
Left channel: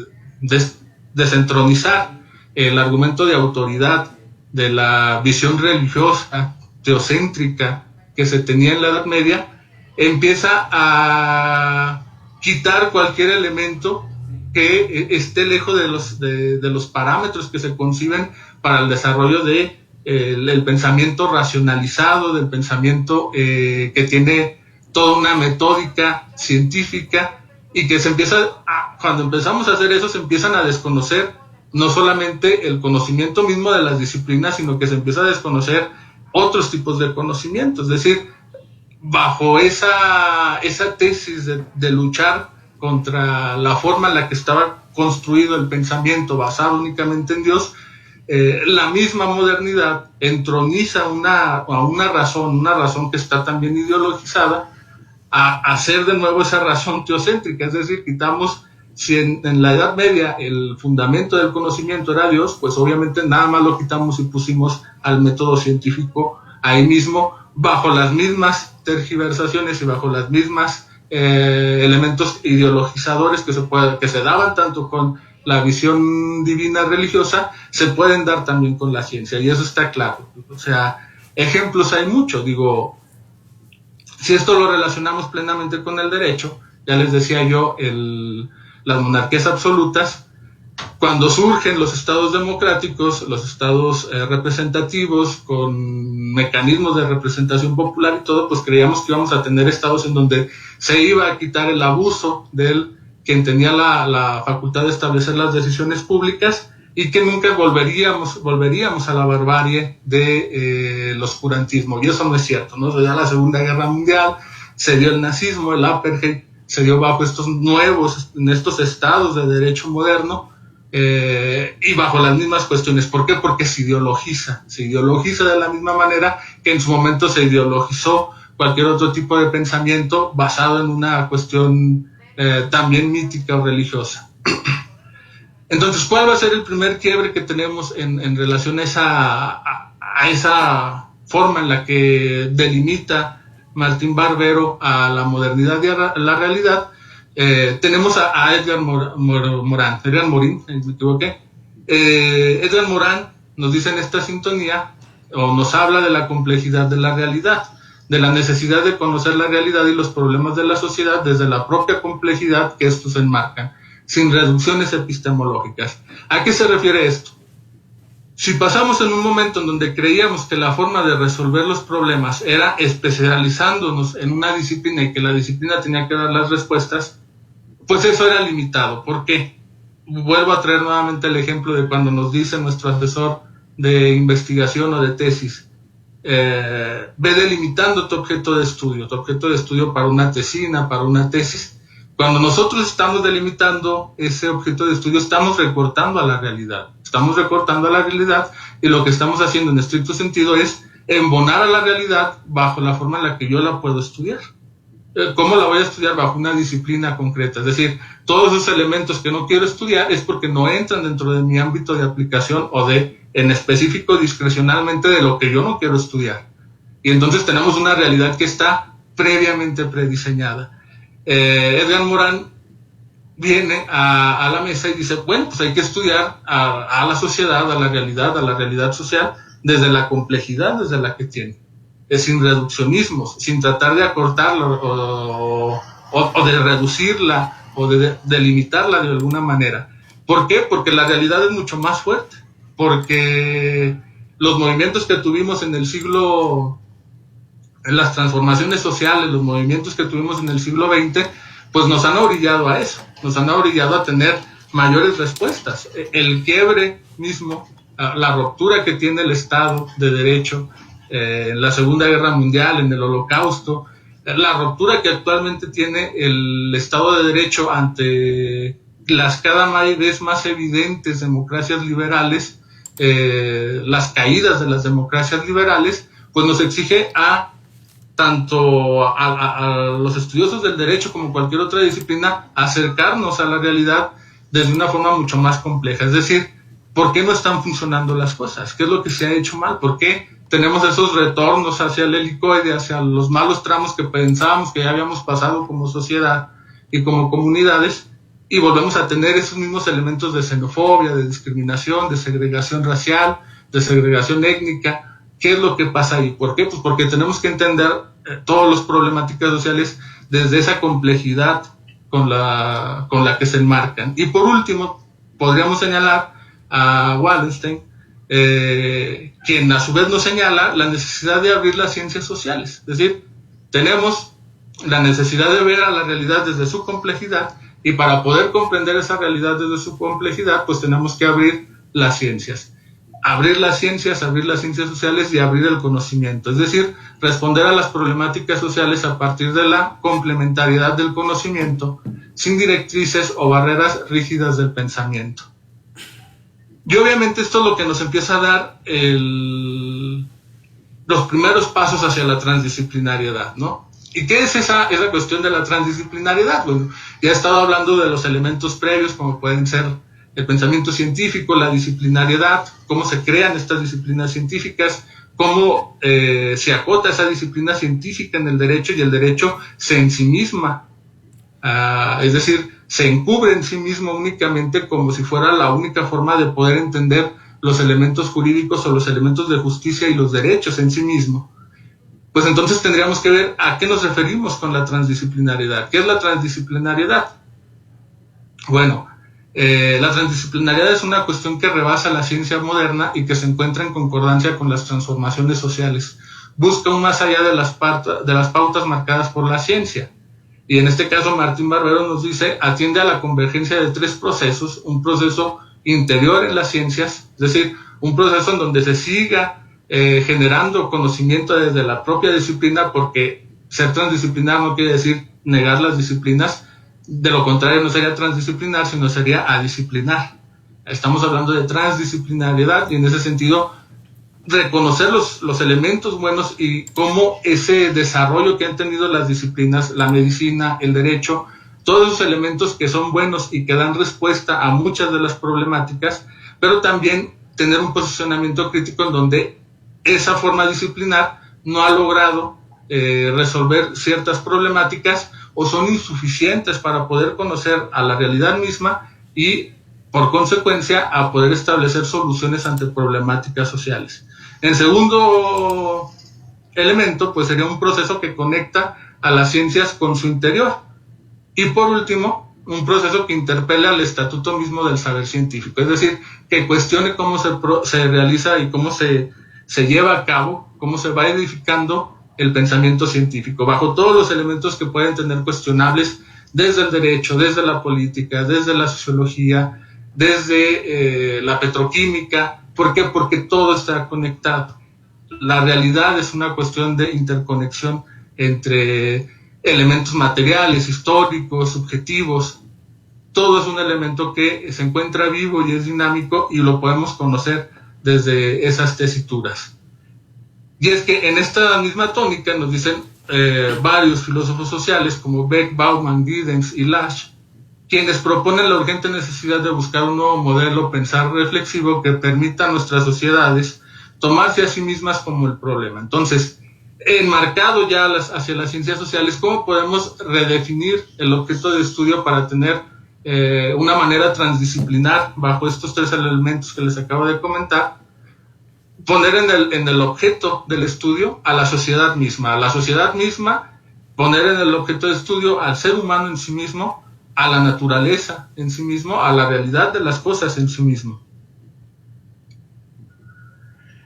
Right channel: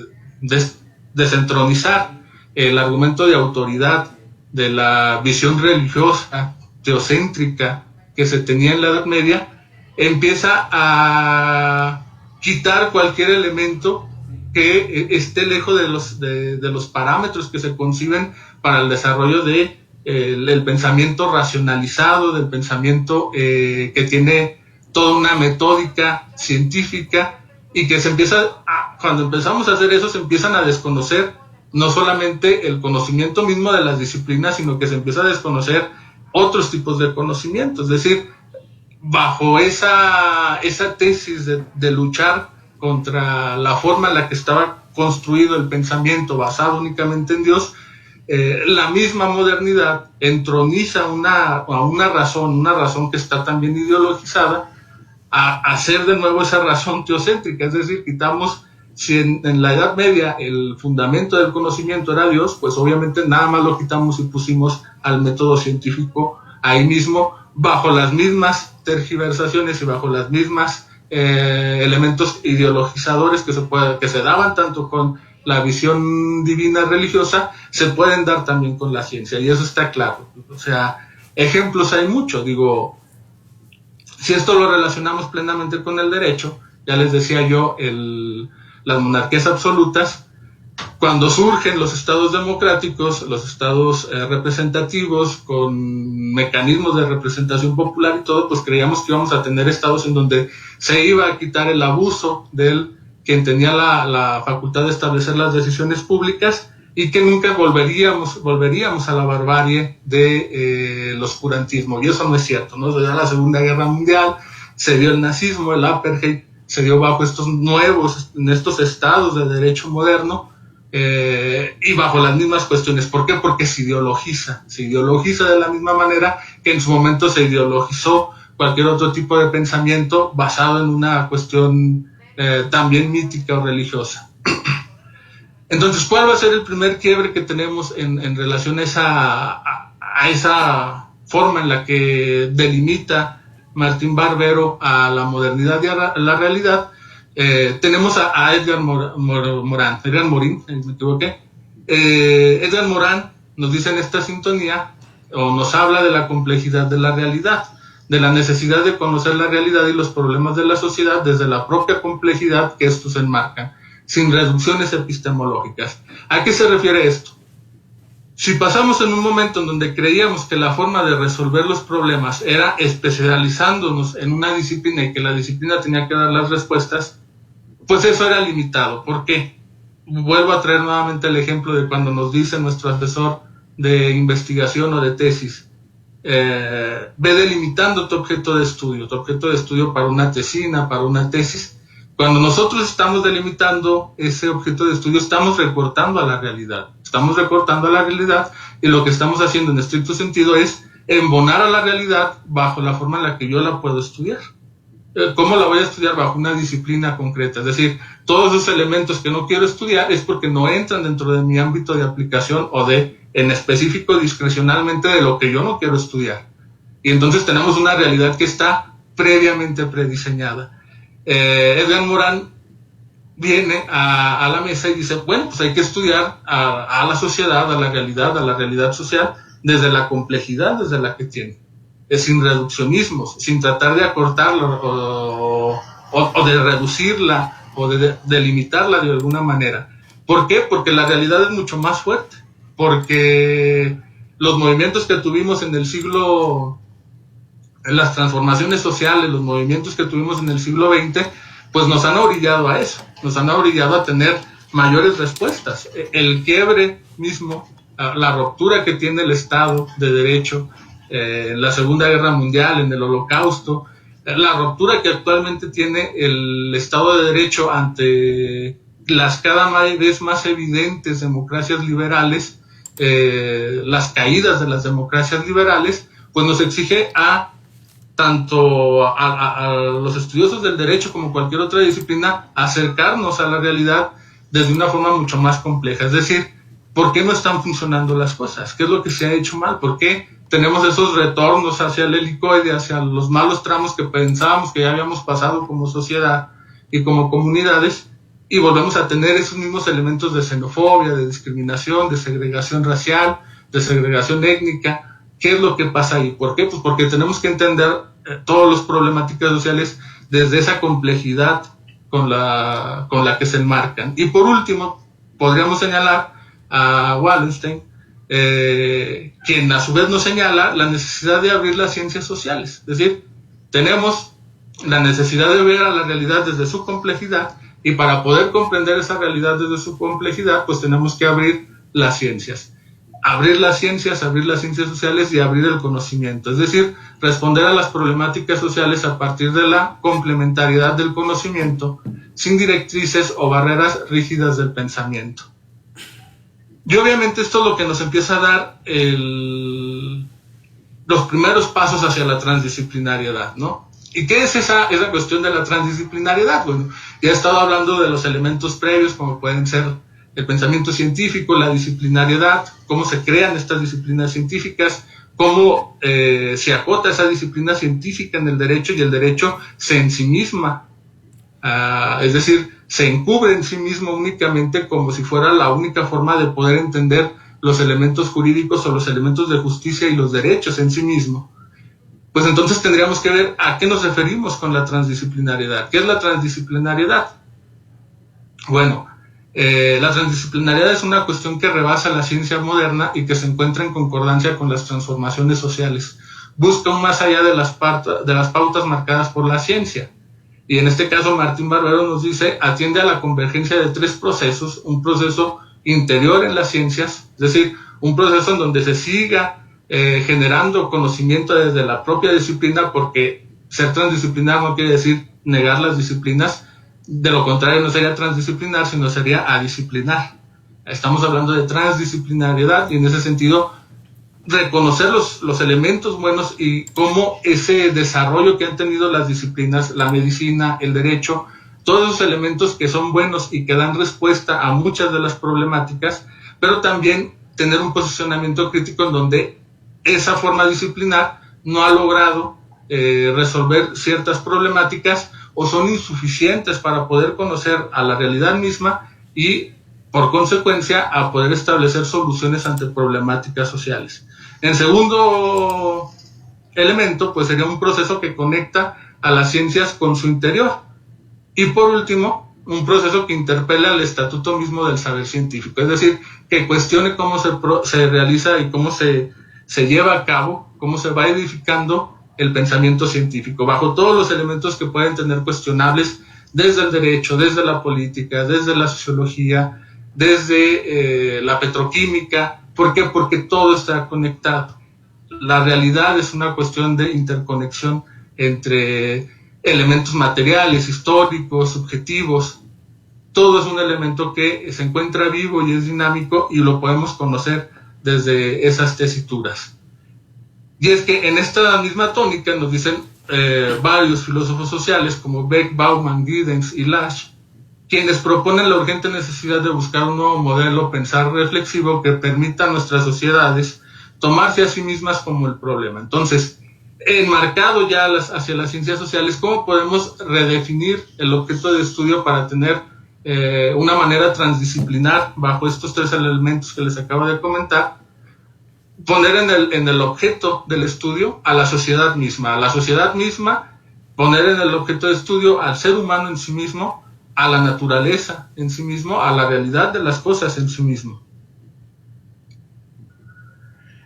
desentronizar el argumento de autoridad de la visión religiosa, teocéntrica que se tenía en la Edad Media, empieza a quitar cualquier elemento que esté lejos de los parámetros que se conciben para el desarrollo de el pensamiento racionalizado, del pensamiento que tiene toda una metódica científica, y que cuando empezamos a hacer eso, se empiezan a desconocer no solamente el conocimiento mismo de las disciplinas, sino que se empieza a desconocer otros tipos de conocimiento. Es decir, bajo esa tesis de luchar contra la forma en la que estaba construido el pensamiento basado únicamente en Dios, la misma modernidad entroniza una razón que está también ideologizada, a hacer de nuevo esa razón teocéntrica. Es decir, quitamos, si en la Edad Media el fundamento del conocimiento era Dios, pues obviamente nada más lo quitamos y pusimos al método científico ahí mismo, bajo las mismas tergiversaciones y bajo las mismas elementos ideologizadores que se daban tanto con la visión divina religiosa, se pueden dar también con la ciencia, y eso está claro. O sea, ejemplos hay muchos. Digo, si esto lo relacionamos plenamente con el derecho, ya les decía yo, las monarquías absolutas, cuando surgen los estados democráticos, los estados representativos, con mecanismos de representación popular y todo, pues creíamos que íbamos a tener estados en donde se iba a quitar el abuso del quien tenía la facultad de establecer las decisiones públicas, y que nunca volveríamos a la barbarie del oscurantismo. Y eso no es cierto, ¿no? Ya la Segunda Guerra Mundial, se dio el nazismo, el apartheid, se dio bajo en estos estados de derecho moderno, y bajo las mismas cuestiones. ¿Por qué? Porque se ideologiza de la misma manera que en su momento se ideologizó cualquier otro tipo de pensamiento basado en una cuestión también mítica o religiosa. Entonces, ¿cuál va a ser el primer quiebre que tenemos en relación a esa forma en la que delimita Martín Barbero a la modernidad y a la realidad? Tenemos a Edgar Morin, me equivoqué. Edgar Morin nos dice en esta sintonía, o nos habla de la complejidad de la realidad, de la necesidad de conocer la realidad y los problemas de la sociedad desde la propia complejidad que estos enmarcan, sin reducciones epistemológicas. ¿A qué se refiere esto? Si pasamos en un momento en donde creíamos que la forma de resolver los problemas era especializándonos en una disciplina y que la disciplina tenía que dar las respuestas, pues eso era limitado. ¿Por qué? Vuelvo a traer nuevamente el ejemplo de cuando nos dice nuestro asesor de investigación o de tesis, ve delimitando tu objeto de estudio para una tesina, para una tesis. Cuando nosotros estamos delimitando ese objeto de estudio, estamos recortando a la realidad. Y lo que estamos haciendo en estricto sentido es embonar a la realidad bajo la forma en la que yo la puedo estudiar. ¿Cómo la voy a estudiar? Bajo una disciplina concreta. Es decir, todos esos elementos que no quiero estudiar es porque no entran dentro de mi ámbito de aplicación o en específico, discrecionalmente, de lo que yo no quiero estudiar. Y entonces tenemos una realidad que está previamente prediseñada. Edgar Morin viene a la mesa y dice, bueno, pues hay que estudiar a la sociedad, a la realidad social, desde la complejidad desde la que tiene, sin reduccionismos, sin tratar de acortarla o de reducirla o de delimitarla de alguna manera. ¿Por qué? Porque la realidad es mucho más fuerte, porque los movimientos que tuvimos en las transformaciones sociales, los movimientos que tuvimos en el siglo XX, pues nos han orillado a eso, nos han orillado a tener mayores respuestas. El quiebre mismo, la ruptura que tiene el Estado de Derecho en la Segunda Guerra Mundial, en el Holocausto, la ruptura que actualmente tiene el Estado de Derecho ante las cada vez más evidentes democracias liberales, las caídas de las democracias liberales, pues nos exige tanto a los estudiosos del derecho como cualquier otra disciplina, acercarnos a la realidad desde una forma mucho más compleja. Es decir, ¿por qué no están funcionando las cosas? ¿Qué es lo que se ha hecho mal? ¿Por qué tenemos esos retornos hacia el helicoide, hacia los malos tramos que pensábamos que ya habíamos pasado como sociedad y como comunidades, y volvemos a tener esos mismos elementos de xenofobia, de discriminación, de segregación racial, de segregación étnica? ¿Qué es lo que pasa ahí? ¿Por qué? Pues porque tenemos que entender todas las problemáticas sociales desde esa complejidad con la que se enmarcan. Y por último, podríamos señalar a Wallenstein, quien a su vez nos señala la necesidad de abrir las ciencias sociales. Es decir, tenemos la necesidad de ver a la realidad desde su complejidad, y para poder comprender esa realidad desde su complejidad, pues tenemos que abrir las ciencias. Abrir las ciencias sociales y abrir el conocimiento, es decir, responder a las problemáticas sociales a partir de la complementariedad del conocimiento, sin directrices o barreras rígidas del pensamiento. Y obviamente esto es lo que nos empieza a dar los primeros pasos hacia la transdisciplinariedad, ¿no? ¿Y qué es esa cuestión de la transdisciplinariedad? Bueno, ya he estado hablando de los elementos previos, como pueden ser el pensamiento científico, la disciplinariedad, cómo se crean estas disciplinas científicas, cómo se acota esa disciplina científica en el derecho y el derecho se ensimisma, es decir, se encubre en sí mismo únicamente como si fuera la única forma de poder entender los elementos jurídicos o los elementos de justicia y los derechos en sí mismo. Pues entonces tendríamos que ver a qué nos referimos con la transdisciplinariedad. ¿Qué es la transdisciplinariedad? Bueno, la transdisciplinariedad es una cuestión que rebasa la ciencia moderna y que se encuentra en concordancia con las transformaciones sociales. Busca un más allá de las pautas marcadas por la ciencia. Y en este caso Martín Barbero nos dice, atiende a la convergencia de tres procesos: un proceso interior en las ciencias, es decir, un proceso en donde se siga generando conocimiento desde la propia disciplina, porque ser transdisciplinar no quiere decir negar las disciplinas, de lo contrario no sería transdisciplinar, sino sería adisciplinar. Estamos hablando de transdisciplinariedad y en ese sentido reconocer los elementos buenos y cómo ese desarrollo que han tenido las disciplinas, la medicina, el derecho, todos esos elementos que son buenos y que dan respuesta a muchas de las problemáticas, pero también tener un posicionamiento crítico en donde esa forma disciplinar no ha logrado resolver ciertas problemáticas o son insuficientes para poder conocer a la realidad misma y, por consecuencia, a poder establecer soluciones ante problemáticas sociales. El segundo elemento, pues, sería un proceso que conecta a las ciencias con su interior. Y por último, un proceso que interpele al estatuto mismo del saber científico, es decir, que cuestione cómo se realiza y cómo se lleva a cabo, cómo se va edificando el pensamiento científico, bajo todos los elementos que pueden tener cuestionables desde el derecho, desde la política, desde la sociología, desde la petroquímica. ¿Por qué? Porque todo está conectado. La realidad es una cuestión de interconexión entre elementos materiales, históricos, subjetivos. Todo es un elemento que se encuentra vivo y es dinámico y lo podemos conocer desde esas tesituras. Y es que en esta misma tónica nos dicen varios filósofos sociales como Beck, Bauman, Giddens y Lasch, quienes proponen la urgente necesidad de buscar un nuevo modelo pensar reflexivo que permita a nuestras sociedades tomarse a sí mismas como el problema. Entonces, enmarcado ya hacia las ciencias sociales, ¿cómo podemos redefinir el objeto de estudio para tener una manera transdisciplinar bajo estos tres elementos que les acabo de comentar? Poner en el objeto del estudio a la sociedad misma, poner en el objeto de estudio al ser humano en sí mismo, a la naturaleza en sí mismo, a la realidad de las cosas en sí mismo.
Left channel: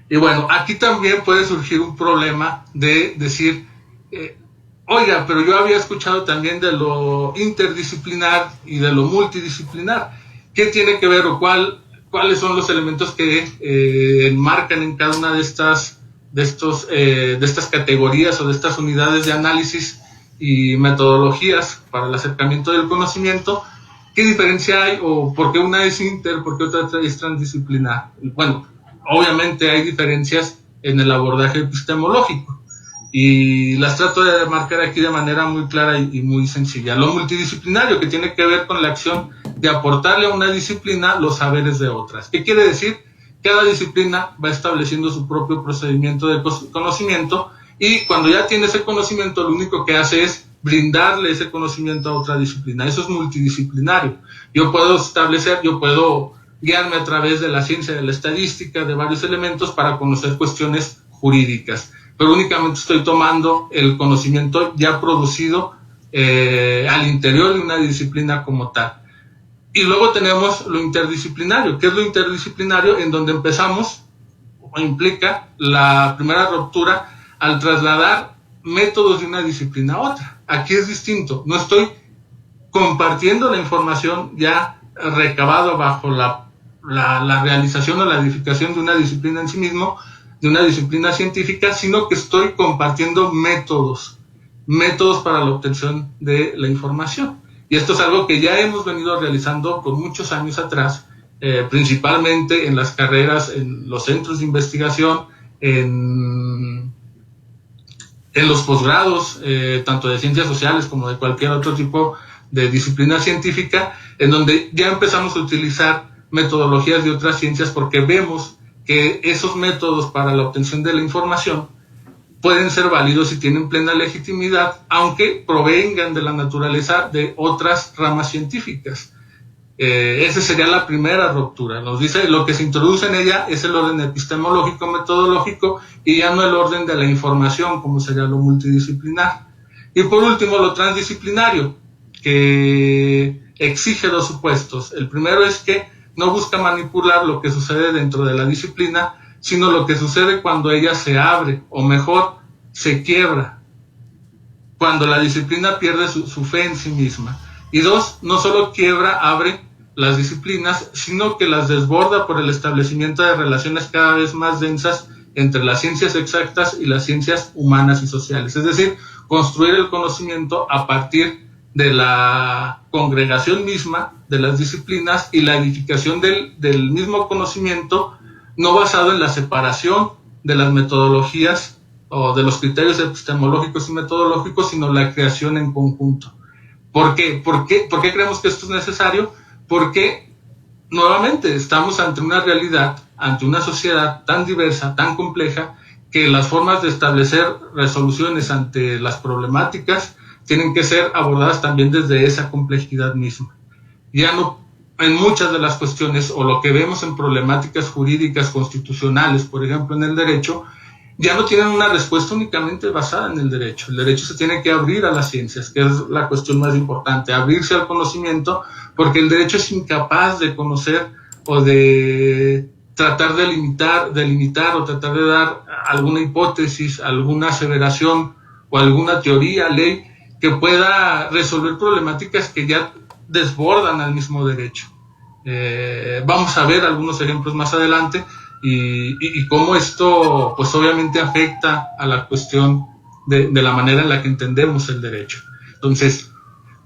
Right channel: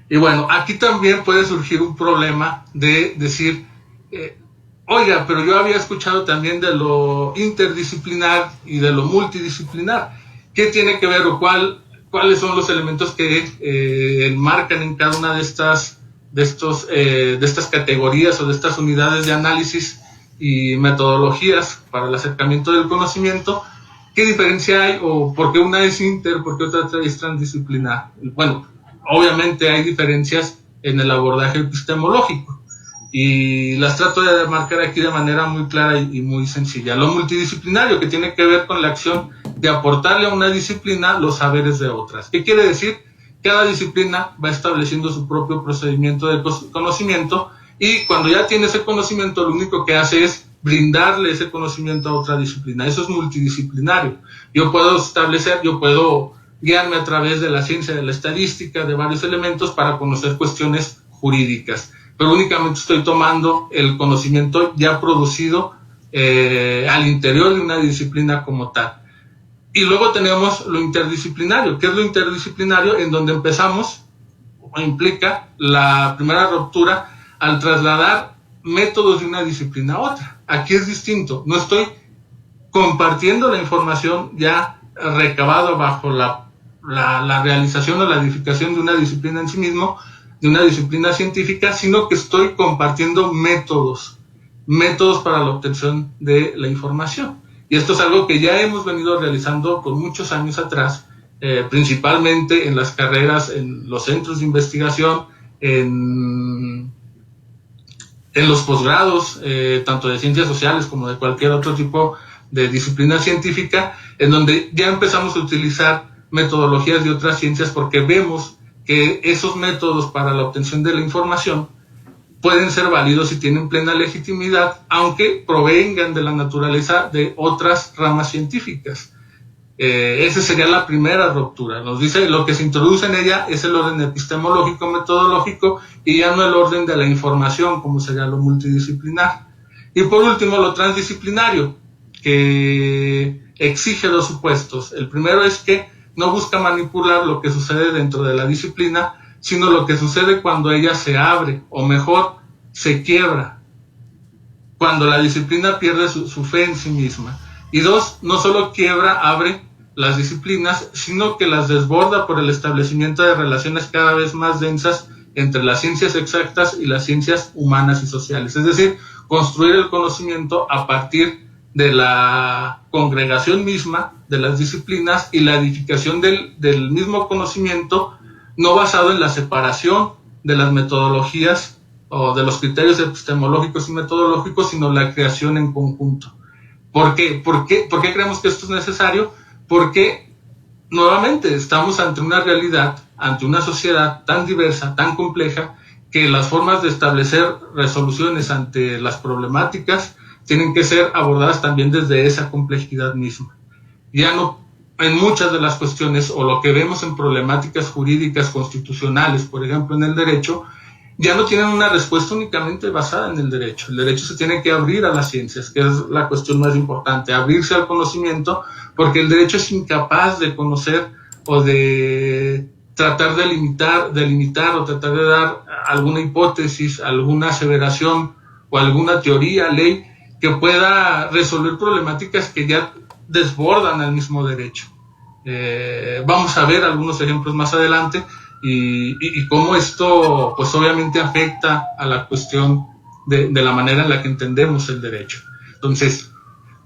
Y bueno, aquí también puede surgir un problema de decir, oiga, pero yo había escuchado también de lo interdisciplinar y de lo multidisciplinar. ¿Qué tiene que ver o cuáles son los elementos que enmarcan en cada una de estas categorías o de estas unidades de análisis y metodologías para el acercamiento del conocimiento? ¿Qué diferencia hay o por qué una es por qué otra es transdisciplinar? Bueno, obviamente hay diferencias en el abordaje epistemológico y las trato de marcar aquí de manera muy clara y muy sencilla. Lo multidisciplinario, que tiene que ver con la acción de aportarle a una disciplina los saberes de otras. ¿Qué quiere decir? Cada disciplina va estableciendo su propio procedimiento de conocimiento y cuando ya tiene ese conocimiento, lo único que hace es brindarle ese conocimiento a otra disciplina. Eso es multidisciplinario. Yo puedo guiarme a través de la ciencia de la estadística, de varios elementos para conocer cuestiones jurídicas, pero únicamente estoy tomando el conocimiento ya producido al interior de una disciplina como tal. Y luego tenemos lo interdisciplinario. ¿Qué es lo interdisciplinario? En donde empezamos, o implica la primera ruptura al trasladar métodos de una disciplina a otra. Aquí es distinto. No estoy compartiendo la información ya recabada bajo la realización o la edificación de una disciplina en sí mismo, de una disciplina científica, sino que estoy compartiendo métodos para la obtención de la información. Y esto es algo que ya hemos venido realizando por muchos años atrás, principalmente en las carreras, en los centros de investigación, en los posgrados, tanto de ciencias sociales como de cualquier otro tipo de disciplina científica, en donde ya empezamos a utilizar metodologías de otras ciencias, porque vemos que esos métodos para la obtención de la información pueden ser válidos y tienen plena legitimidad, aunque provengan de la naturaleza de otras ramas científicas. Esa sería la primera ruptura. Nos dice lo que se introduce en ella es el orden epistemológico, metodológico, y ya no el orden de la información, como sería lo multidisciplinar. Y por último, lo transdisciplinario, que exige dos supuestos. El primero es que no busca manipular lo que sucede dentro de la disciplina, sino lo que sucede cuando ella se abre, o mejor, se quiebra, cuando la disciplina pierde su fe en sí misma. Y dos, no solo quiebra, abre las disciplinas, sino que las desborda por el establecimiento de relaciones cada vez más densas entre las ciencias exactas y las ciencias humanas y sociales. Es decir, construir el conocimiento a partir de la congregación misma de las disciplinas y la edificación del mismo conocimiento, no basado en la separación de las metodologías o de los criterios epistemológicos y metodológicos, sino la creación en conjunto. ¿Por qué? ¿Por qué creemos que esto es necesario? Porque, nuevamente, estamos ante una realidad, ante una sociedad tan diversa, tan compleja, que las formas de establecer resoluciones ante las problemáticas tienen que ser abordadas también desde esa complejidad misma. Ya no en muchas de las cuestiones, o lo que vemos en problemáticas jurídicas constitucionales, por ejemplo, en el derecho, ya no tienen una respuesta únicamente basada en el derecho. El derecho se tiene que abrir a las ciencias, que es la cuestión más importante, abrirse al conocimiento, porque el derecho es incapaz de conocer o de tratar de delimitar o tratar de dar alguna hipótesis, alguna aseveración o alguna teoría, ley, que pueda resolver problemáticas que ya desbordan al mismo derecho. Vamos a ver algunos ejemplos más adelante, y cómo esto pues obviamente afecta a la cuestión de la manera en la que entendemos el derecho. Entonces,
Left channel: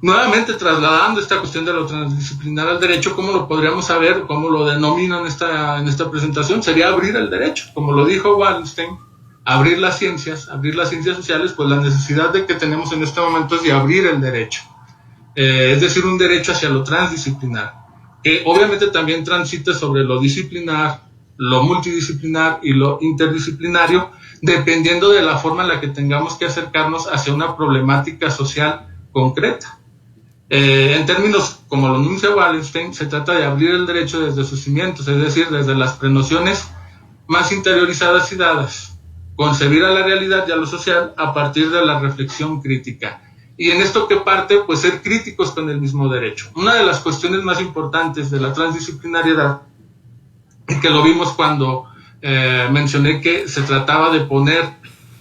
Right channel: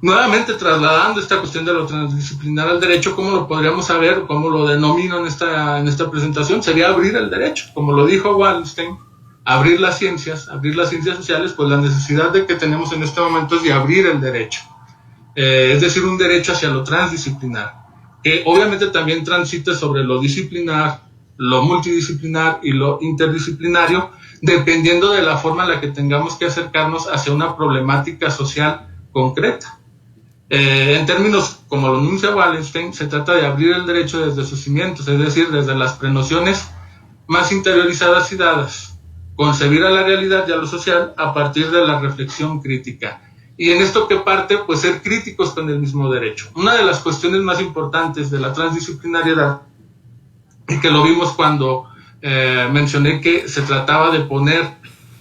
nuevamente trasladando esta cuestión de lo transdisciplinar al derecho, ¿cómo lo podríamos saber? ¿Cómo lo denomino en esta presentación? Sería abrir el derecho, como lo dijo Wallenstein, abrir las ciencias sociales, pues la necesidad de que tenemos en este momento es de abrir el derecho, es decir, un derecho hacia lo transdisciplinar, que obviamente también transite sobre lo disciplinar, lo multidisciplinar y lo interdisciplinario, dependiendo de la forma en la que tengamos que acercarnos hacia una problemática social concreta. En términos como lo anuncia Wallenstein, se trata de abrir el derecho desde sus cimientos, es decir, desde las prenociones más interiorizadas y dadas, concebir a la realidad y a lo social a partir de la reflexión crítica. Y en esto que parte, pues ser críticos con el mismo derecho. Una de las cuestiones más importantes de la transdisciplinariedad, y que lo vimos cuando mencioné que se trataba de poner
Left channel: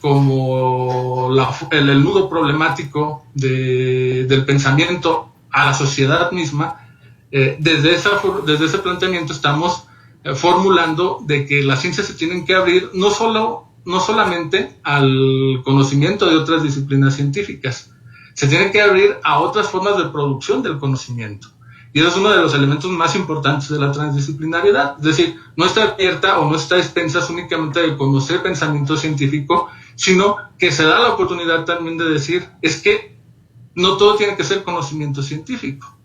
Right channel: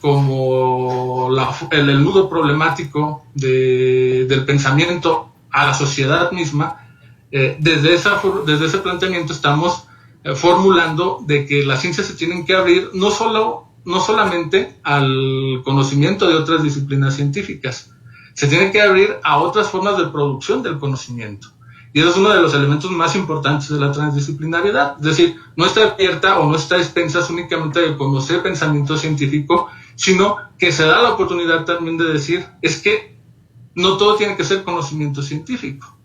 como el nudo problemático del pensamiento a la sociedad misma, desde ese planteamiento estamos formulando de que las ciencias se tienen que abrir no solamente al conocimiento de otras disciplinas científicas, se tienen que abrir a otras formas de producción del conocimiento. Y eso es uno de los elementos más importantes de la transdisciplinariedad. Es decir, no está abierta o no está a expensas únicamente de conocer pensamiento científico, sino que se da la oportunidad también de decir, es que no todo tiene que ser conocimiento científico.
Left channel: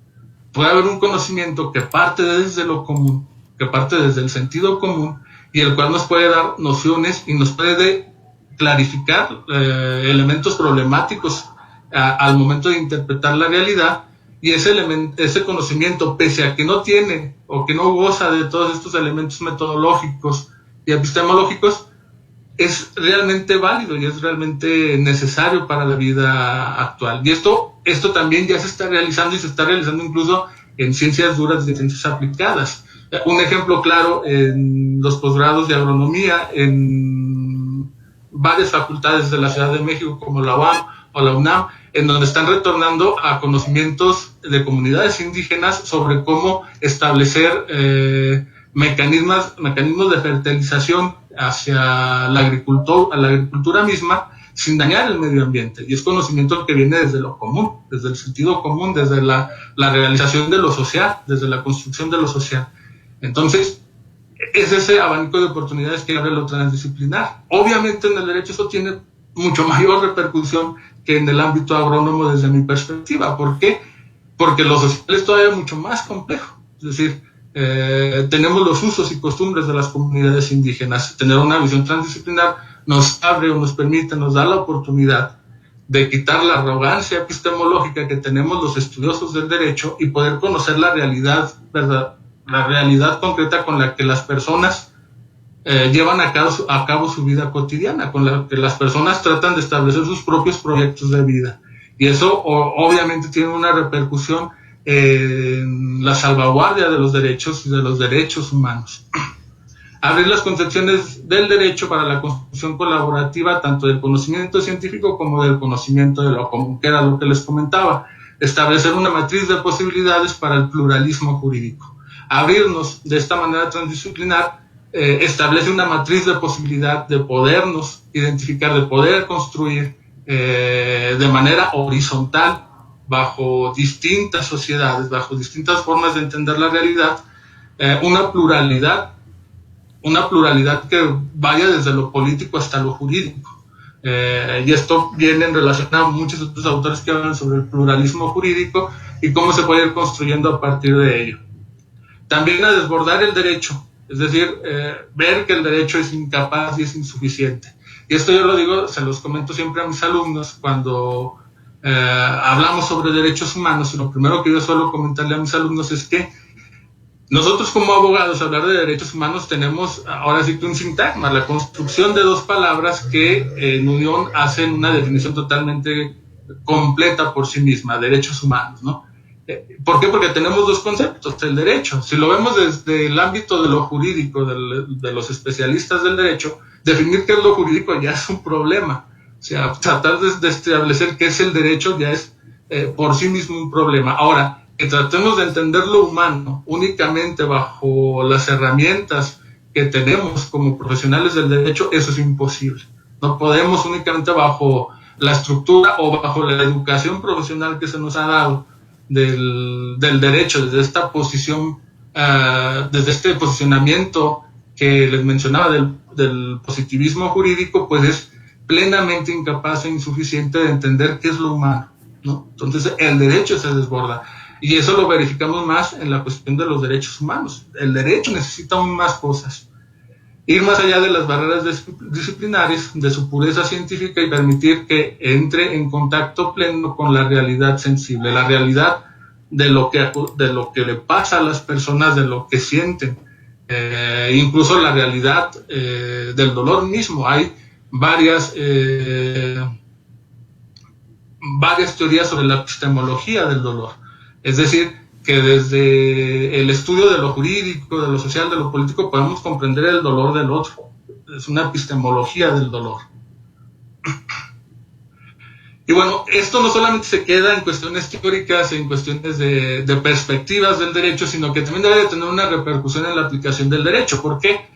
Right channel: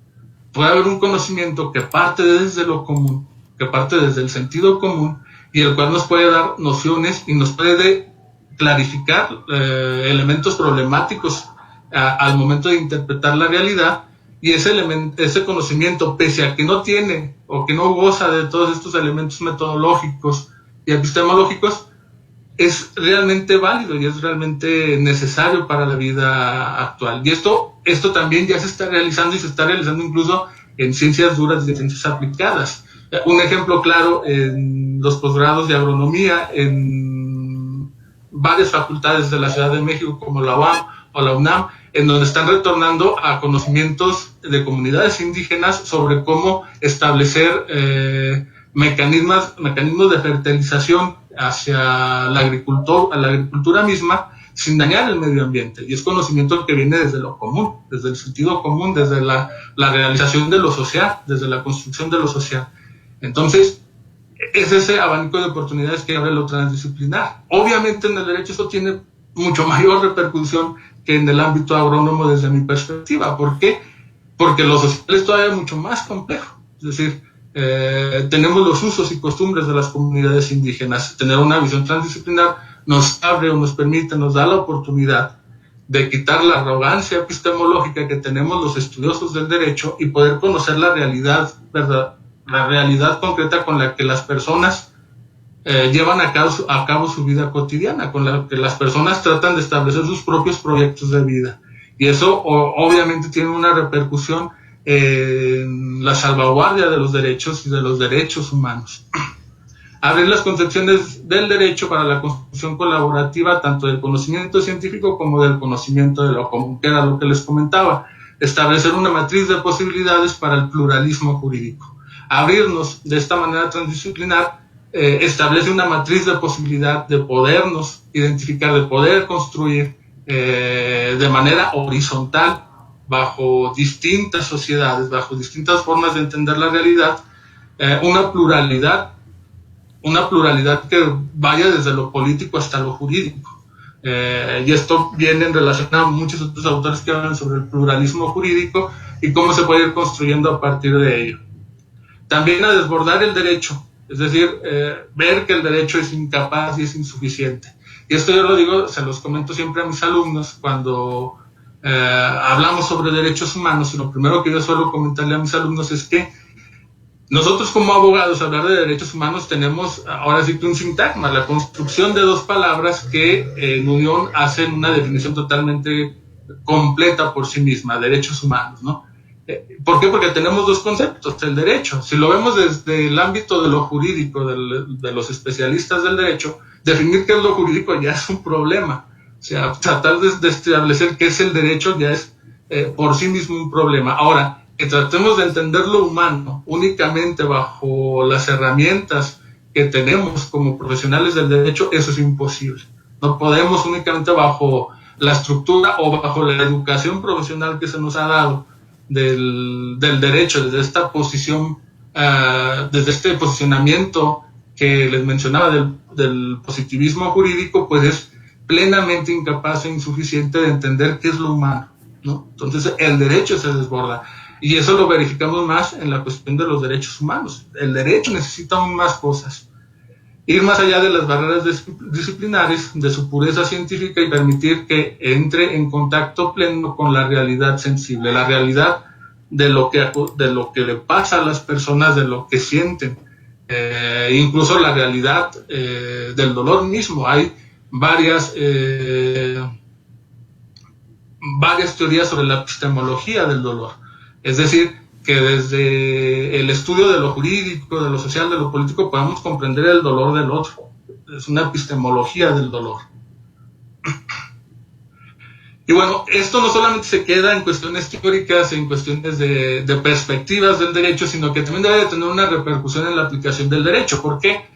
Puede haber un conocimiento que parte desde lo común, que parte desde el sentido común, y el cual nos puede dar nociones y nos puede clarificar elementos problemáticos al momento de interpretar la realidad. Y ese conocimiento, pese a que no tiene o que no goza de todos estos elementos metodológicos y epistemológicos, es realmente válido y es realmente necesario para la vida actual. Y esto también ya se está realizando, y se está realizando incluso en ciencias duras y en ciencias aplicadas. Un ejemplo claro, en los posgrados de agronomía, en varias facultades de la Ciudad de México, como la UAM o la UNAM, en donde están retornando a conocimientos de comunidades indígenas sobre cómo establecer mecanismos de fertilización hacia la agricultura misma, sin dañar el medio ambiente. Y es conocimiento que viene desde lo común, desde el sentido común, desde la realización de lo social, desde la construcción de lo social. Entonces, es ese abanico de oportunidades que abre lo transdisciplinar. Obviamente en el derecho eso tiene mucho mayor repercusión que en el ámbito agrónomo desde mi perspectiva. ¿Por qué? Porque lo social es todavía mucho más complejo. Es decir, tenemos los usos y costumbres de las comunidades indígenas. Tener una visión transdisciplinar nos abre o nos permite, nos da la oportunidad de quitar la arrogancia epistemológica que tenemos los estudiosos del derecho y poder conocer la realidad, ¿verdad? La realidad concreta con la que las personas llevan a cabo su vida cotidiana, con la que las personas tratan de establecer sus propios proyectos de vida. Y eso obviamente tiene una repercusión en la salvaguardia de los derechos y de los derechos humanos. Abrir las concepciones del derecho para la construcción colaborativa tanto del conocimiento científico como del conocimiento de lo común, que era lo que les comentaba. Establecer una matriz de posibilidades para el pluralismo jurídico. Abrirnos de esta manera transdisciplinar establece una matriz de posibilidad de podernos identificar, de poder construir de manera horizontal bajo distintas sociedades, bajo distintas formas de entender la realidad, una pluralidad que vaya desde lo político hasta lo jurídico. Y esto viene en relación a muchos otros autores que hablan sobre el pluralismo jurídico y cómo se puede ir construyendo a partir de ello. También a desbordar el derecho, es decir, ver que el derecho es incapaz y es insuficiente. Y esto yo lo digo, se los comento siempre a mis alumnos cuando hablamos sobre derechos humanos, y lo primero que yo suelo comentarle a mis alumnos es que nosotros como abogados, hablar de derechos humanos, tenemos ahora sí que un sintagma, la construcción de dos palabras que en unión hacen una definición totalmente completa por sí misma, derechos humanos, ¿no? ¿Por qué? Porque tenemos dos conceptos, el derecho. Si lo vemos desde el ámbito de lo jurídico, de los especialistas del derecho, definir qué es lo jurídico ya es un problema. O sea, tratar de establecer qué es el derecho ya es por sí mismo un problema. Ahora, que tratemos de entender lo humano únicamente bajo las herramientas que tenemos como profesionales del derecho, eso es imposible. No podemos únicamente bajo la estructura o bajo la educación profesional que se nos ha dado del derecho, desde esta posición, desde este posicionamiento que les mencionaba del positivismo jurídico, pues es plenamente incapaz e insuficiente de entender qué es lo humano, ¿no? Entonces el derecho se desborda. Y eso lo verificamos más en la cuestión de los derechos humanos. El derecho necesita aún más cosas. Ir más allá de las barreras disciplinares, de su pureza científica y permitir que entre en contacto pleno con la realidad sensible, la realidad de lo que le pasa a las personas, de lo que sienten, incluso la realidad del dolor mismo. Hay varias teorías sobre la epistemología del dolor. Es decir, que desde el estudio de lo jurídico, de lo social, de lo político, podamos comprender el dolor del otro. Es una epistemología del dolor. Y bueno, esto no solamente se queda en cuestiones teóricas, en cuestiones de perspectivas del derecho, sino que también debe de tener una repercusión en la aplicación del derecho. ¿Por qué?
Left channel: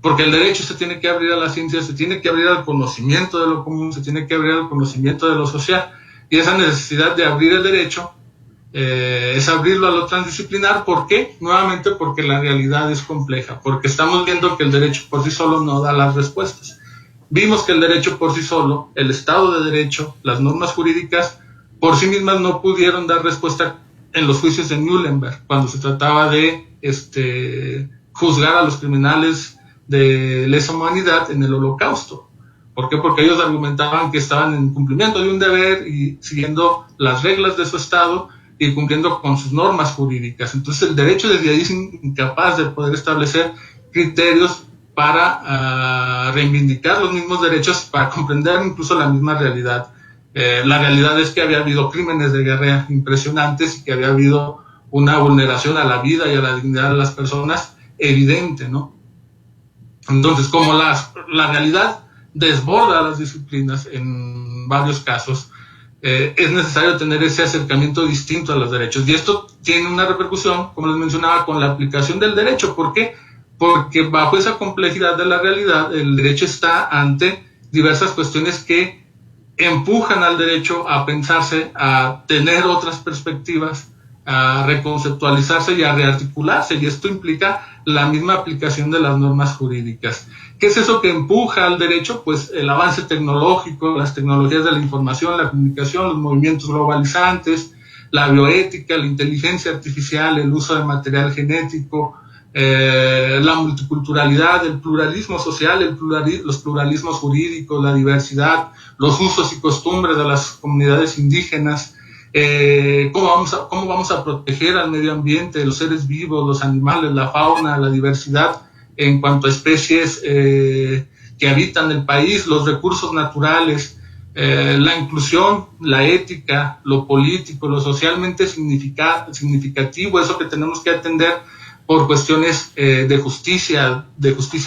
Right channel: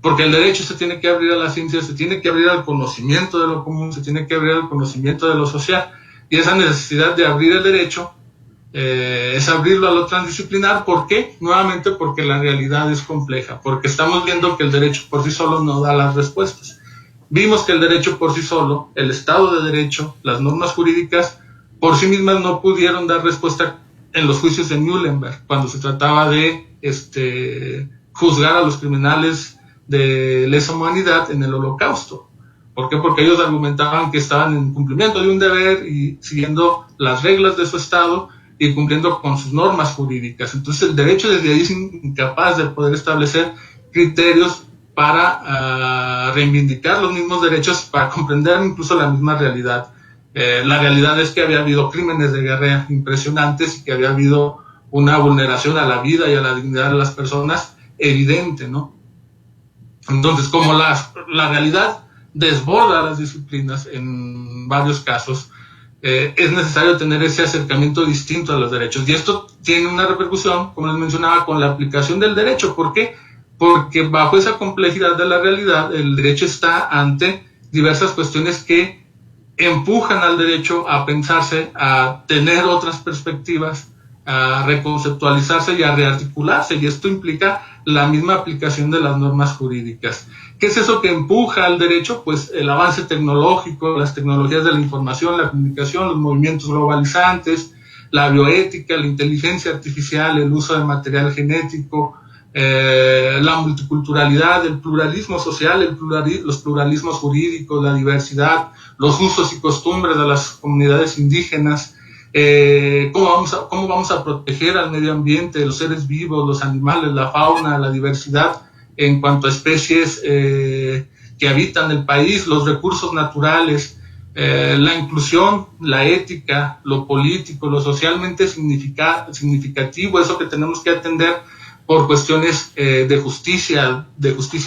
Porque el derecho se tiene que abrir a la ciencia, se tiene que abrir al conocimiento de lo común, se tiene que abrir al conocimiento de lo social. Y esa necesidad de abrir el derecho es abrirlo a lo transdisciplinar. ¿Por qué? Nuevamente porque la realidad es compleja, porque estamos viendo que el derecho por sí solo no da las respuestas. Vimos que el derecho por sí solo, el Estado de Derecho, las normas jurídicas, por sí mismas no pudieron dar respuesta en los juicios de Nuremberg, cuando se trataba de juzgar a los criminales de lesa humanidad en el Holocausto. ¿Por qué? Porque ellos argumentaban que estaban en cumplimiento de un deber y siguiendo las reglas de su Estado y cumpliendo con sus normas jurídicas. Entonces el derecho desde ahí es incapaz de poder establecer criterios para reivindicar los mismos derechos, para comprender incluso la misma realidad. La realidad es que había habido crímenes de guerra impresionantes y que había habido una vulneración a la vida y a la dignidad de las personas evidente, ¿no? Entonces, como la realidad desborda las disciplinas en varios casos, es necesario tener ese acercamiento distinto a los derechos. Y esto tiene una repercusión, como les mencionaba, con la aplicación del derecho. ¿Por qué? Porque bajo esa complejidad de la realidad, el derecho está ante diversas cuestiones que empujan al derecho a pensarse, a tener otras perspectivas, a reconceptualizarse y a rearticularse. Y esto implica la misma aplicación de las normas jurídicas. ¿Qué es eso que empuja al derecho? Pues el avance tecnológico, las tecnologías de la información, la comunicación, los movimientos globalizantes, la bioética, la inteligencia artificial, el uso de material genético, la multiculturalidad, el pluralismo social, los pluralismos jurídicos, la diversidad, los usos y costumbres de las comunidades indígenas, cómo vamos a proteger al medio ambiente, los seres vivos, los animales, la fauna, la diversidad en cuanto a especies que habitan el país, los recursos naturales, la inclusión, la ética, lo político, lo socialmente significativo, eso que tenemos que atender por cuestiones de justicia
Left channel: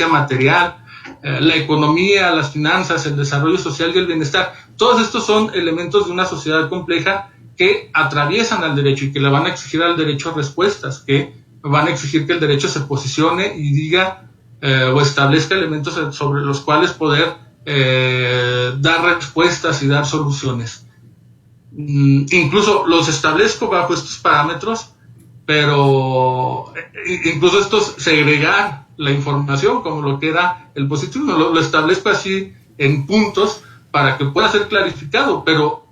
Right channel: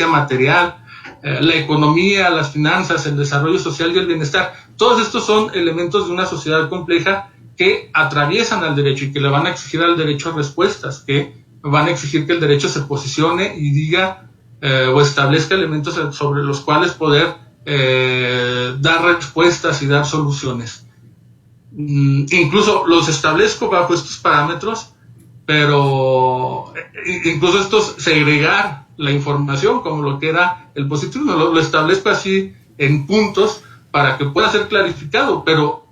material, la economía, las finanzas, el desarrollo social y el bienestar. Todos estos son elementos de una sociedad compleja que atraviesan al derecho y que le van a exigir al derecho respuestas, que van a exigir que el derecho se posicione y diga o establezca elementos sobre los cuales poder dar respuestas y dar soluciones. Incluso los establezco bajo estos parámetros, pero incluso estos segregar la información como lo que era el positivismo, lo establezco así en puntos para que pueda ser clarificado, pero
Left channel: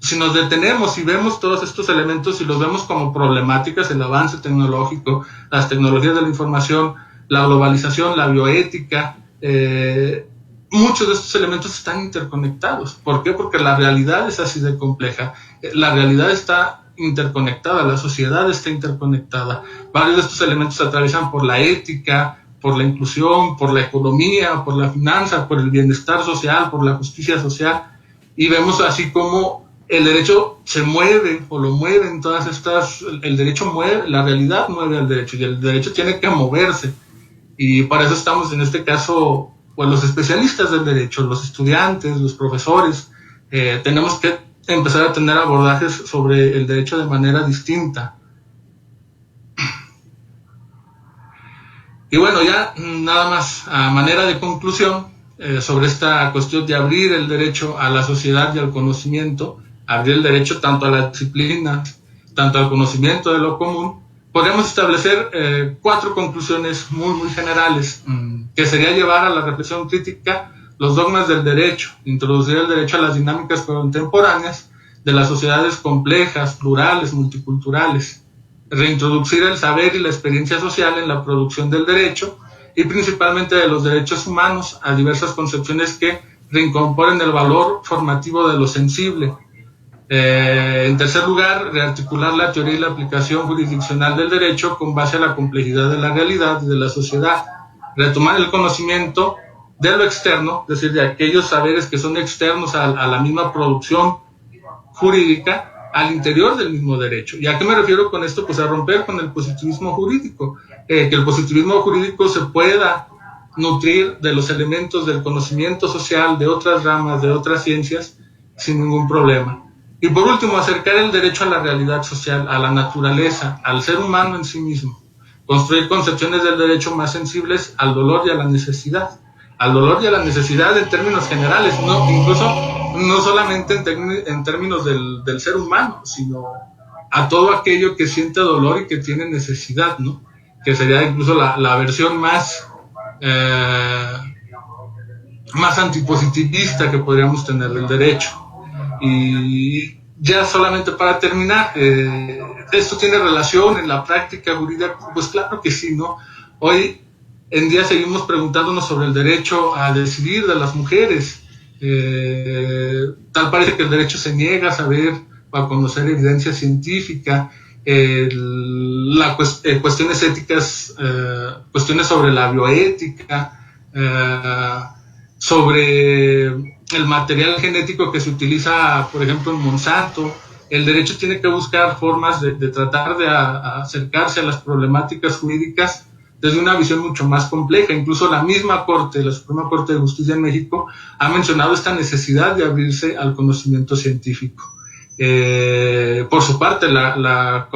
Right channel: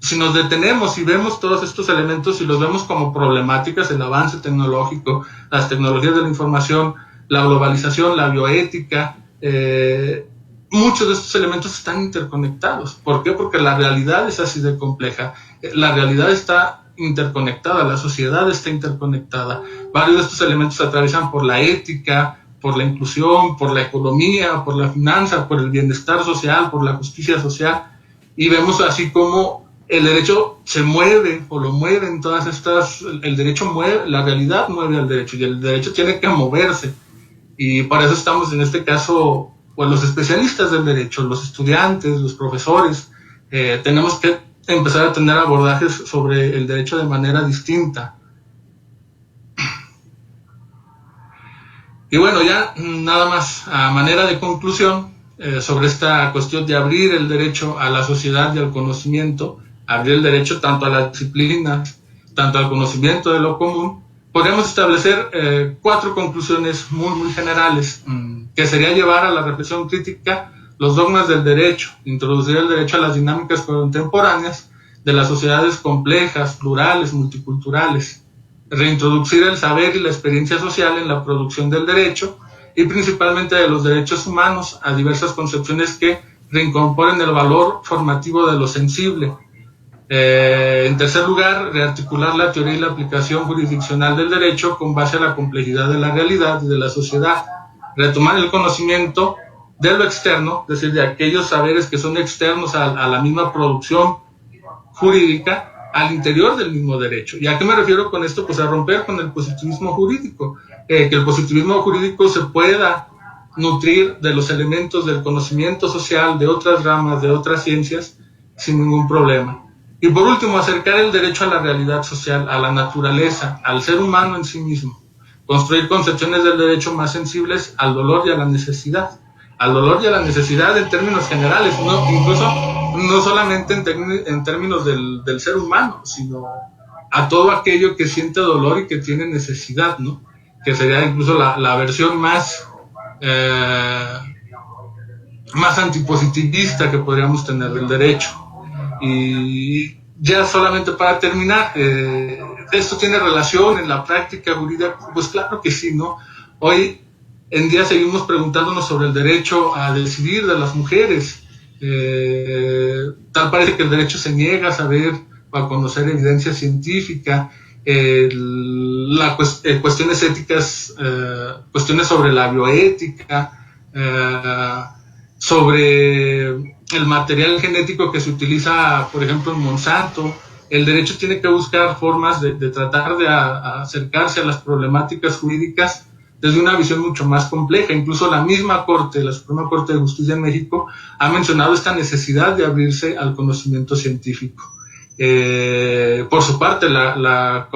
si nos detenemos y vemos todos estos elementos y los vemos como problemáticas, el avance tecnológico, las tecnologías de la información, la globalización, la bioética, muchos de estos elementos están interconectados. ¿Por qué? Porque la realidad es así de compleja. La realidad está interconectada, la sociedad está interconectada. Varios de estos elementos se atraviesan por la ética, por la inclusión, por la economía, por la finanza, por el bienestar social, por la justicia social. Y vemos así como el derecho se mueve o lo mueven todas estas, el derecho mueve, la realidad mueve al derecho y el derecho tiene que moverse. Y para eso estamos en este caso, pues los especialistas del derecho, los estudiantes, los profesores, tenemos que empezar a tener abordajes sobre el derecho de manera distinta. Y bueno, ya nada más a manera de conclusión sobre esta cuestión de abrir el derecho a la sociedad y al conocimiento, abrir el derecho tanto a la disciplina, tanto al conocimiento de lo común, podríamos establecer 4 conclusiones muy generales, que sería llevar a la reflexión crítica los dogmas del derecho, introducir el derecho a las dinámicas contemporáneas de las sociedades complejas, plurales, multiculturales, reintroducir el saber y la experiencia social en la producción del derecho y principalmente de los derechos humanos a diversas concepciones que reincorporen el valor formativo de lo sensible. En tercer lugar, rearticular la teoría y la aplicación jurisdiccional del derecho con base a la complejidad de la realidad y de la sociedad. Retomar el conocimiento de lo externo, es decir, de aquellos saberes que son externos a la misma producción jurídica, al interior del mismo derecho. ¿Y a qué me refiero con esto? Pues a romper con el positivismo jurídico, que el positivismo jurídico se pueda nutrir de los elementos del conocimiento social, de otras ramas, de otras ciencias, sin ningún problema. Y por último, acercar el derecho a la realidad social, a la naturaleza, al ser humano en sí mismo. Construir concepciones del derecho más sensibles al dolor y a la necesidad. Al dolor y a la necesidad en términos generales, incluso no solamente en términos del ser humano, sino a todo aquello que siente dolor y que tiene necesidad, ¿no? Que sería incluso la versión más antipositivista que podríamos tener del derecho. Y ya solamente para terminar, ¿esto tiene relación en la práctica jurídica? Pues claro que sí, ¿no? Hoy en día seguimos preguntándonos sobre el derecho a decidir de las mujeres. Tal parece que el derecho se niega a saber o a conocer evidencia científica, cuestiones éticas, cuestiones sobre la bioética, sobre el material genético que se utiliza, por ejemplo, en Monsanto. El derecho tiene que buscar formas de tratar de acercarse a las problemáticas jurídicas desde una visión mucho más compleja. Incluso la misma Corte, la Suprema Corte de Justicia de México, ha mencionado esta necesidad de abrirse al conocimiento científico. Por su parte, la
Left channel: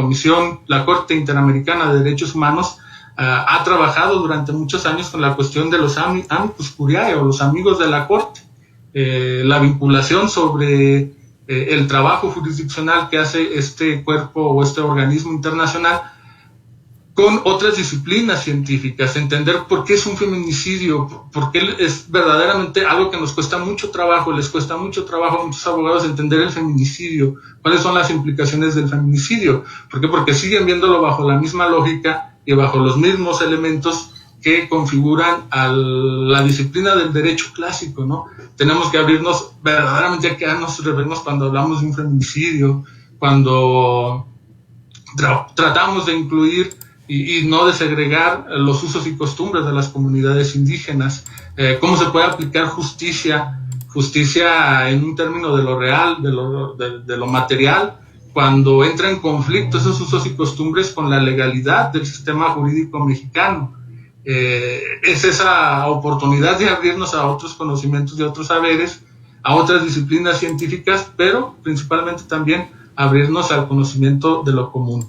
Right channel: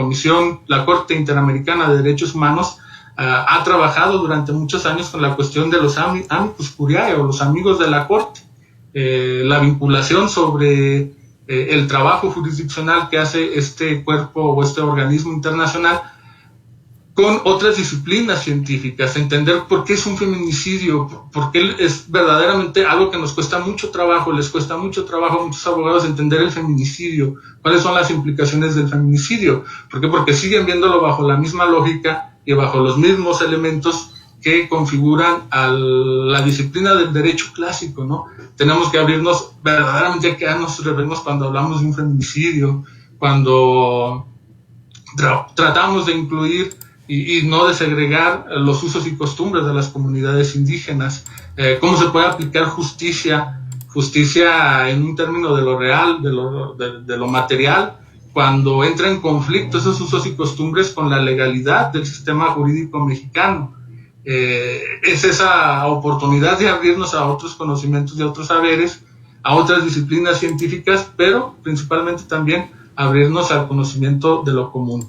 Corte Interamericana de Derechos Humanos ha trabajado durante muchos años con la cuestión de los amicus curiae, o los amigos de la Corte, la vinculación sobre el trabajo jurisdiccional que hace este cuerpo o este organismo internacional con otras disciplinas científicas, entender por qué es un feminicidio, por qué es verdaderamente algo que nos cuesta mucho trabajo, les cuesta mucho trabajo a muchos abogados entender el feminicidio, cuáles son las implicaciones del feminicidio. ¿Por qué? Porque siguen viéndolo bajo la misma lógica y bajo los mismos elementos que configuran a la disciplina del derecho clásico, ¿no? Tenemos que abrirnos verdaderamente a quedarnos revernos cuando hablamos de un feminicidio, cuando tratamos de incluir y no de segregar los usos y costumbres de las comunidades indígenas, cómo se puede aplicar justicia en un término de lo real, de lo material, cuando entra en conflicto esos usos y costumbres con la legalidad del sistema jurídico mexicano. Es esa oportunidad de abrirnos a otros conocimientos y a otros saberes, a otras disciplinas científicas, pero principalmente también abrirnos al conocimiento de lo común.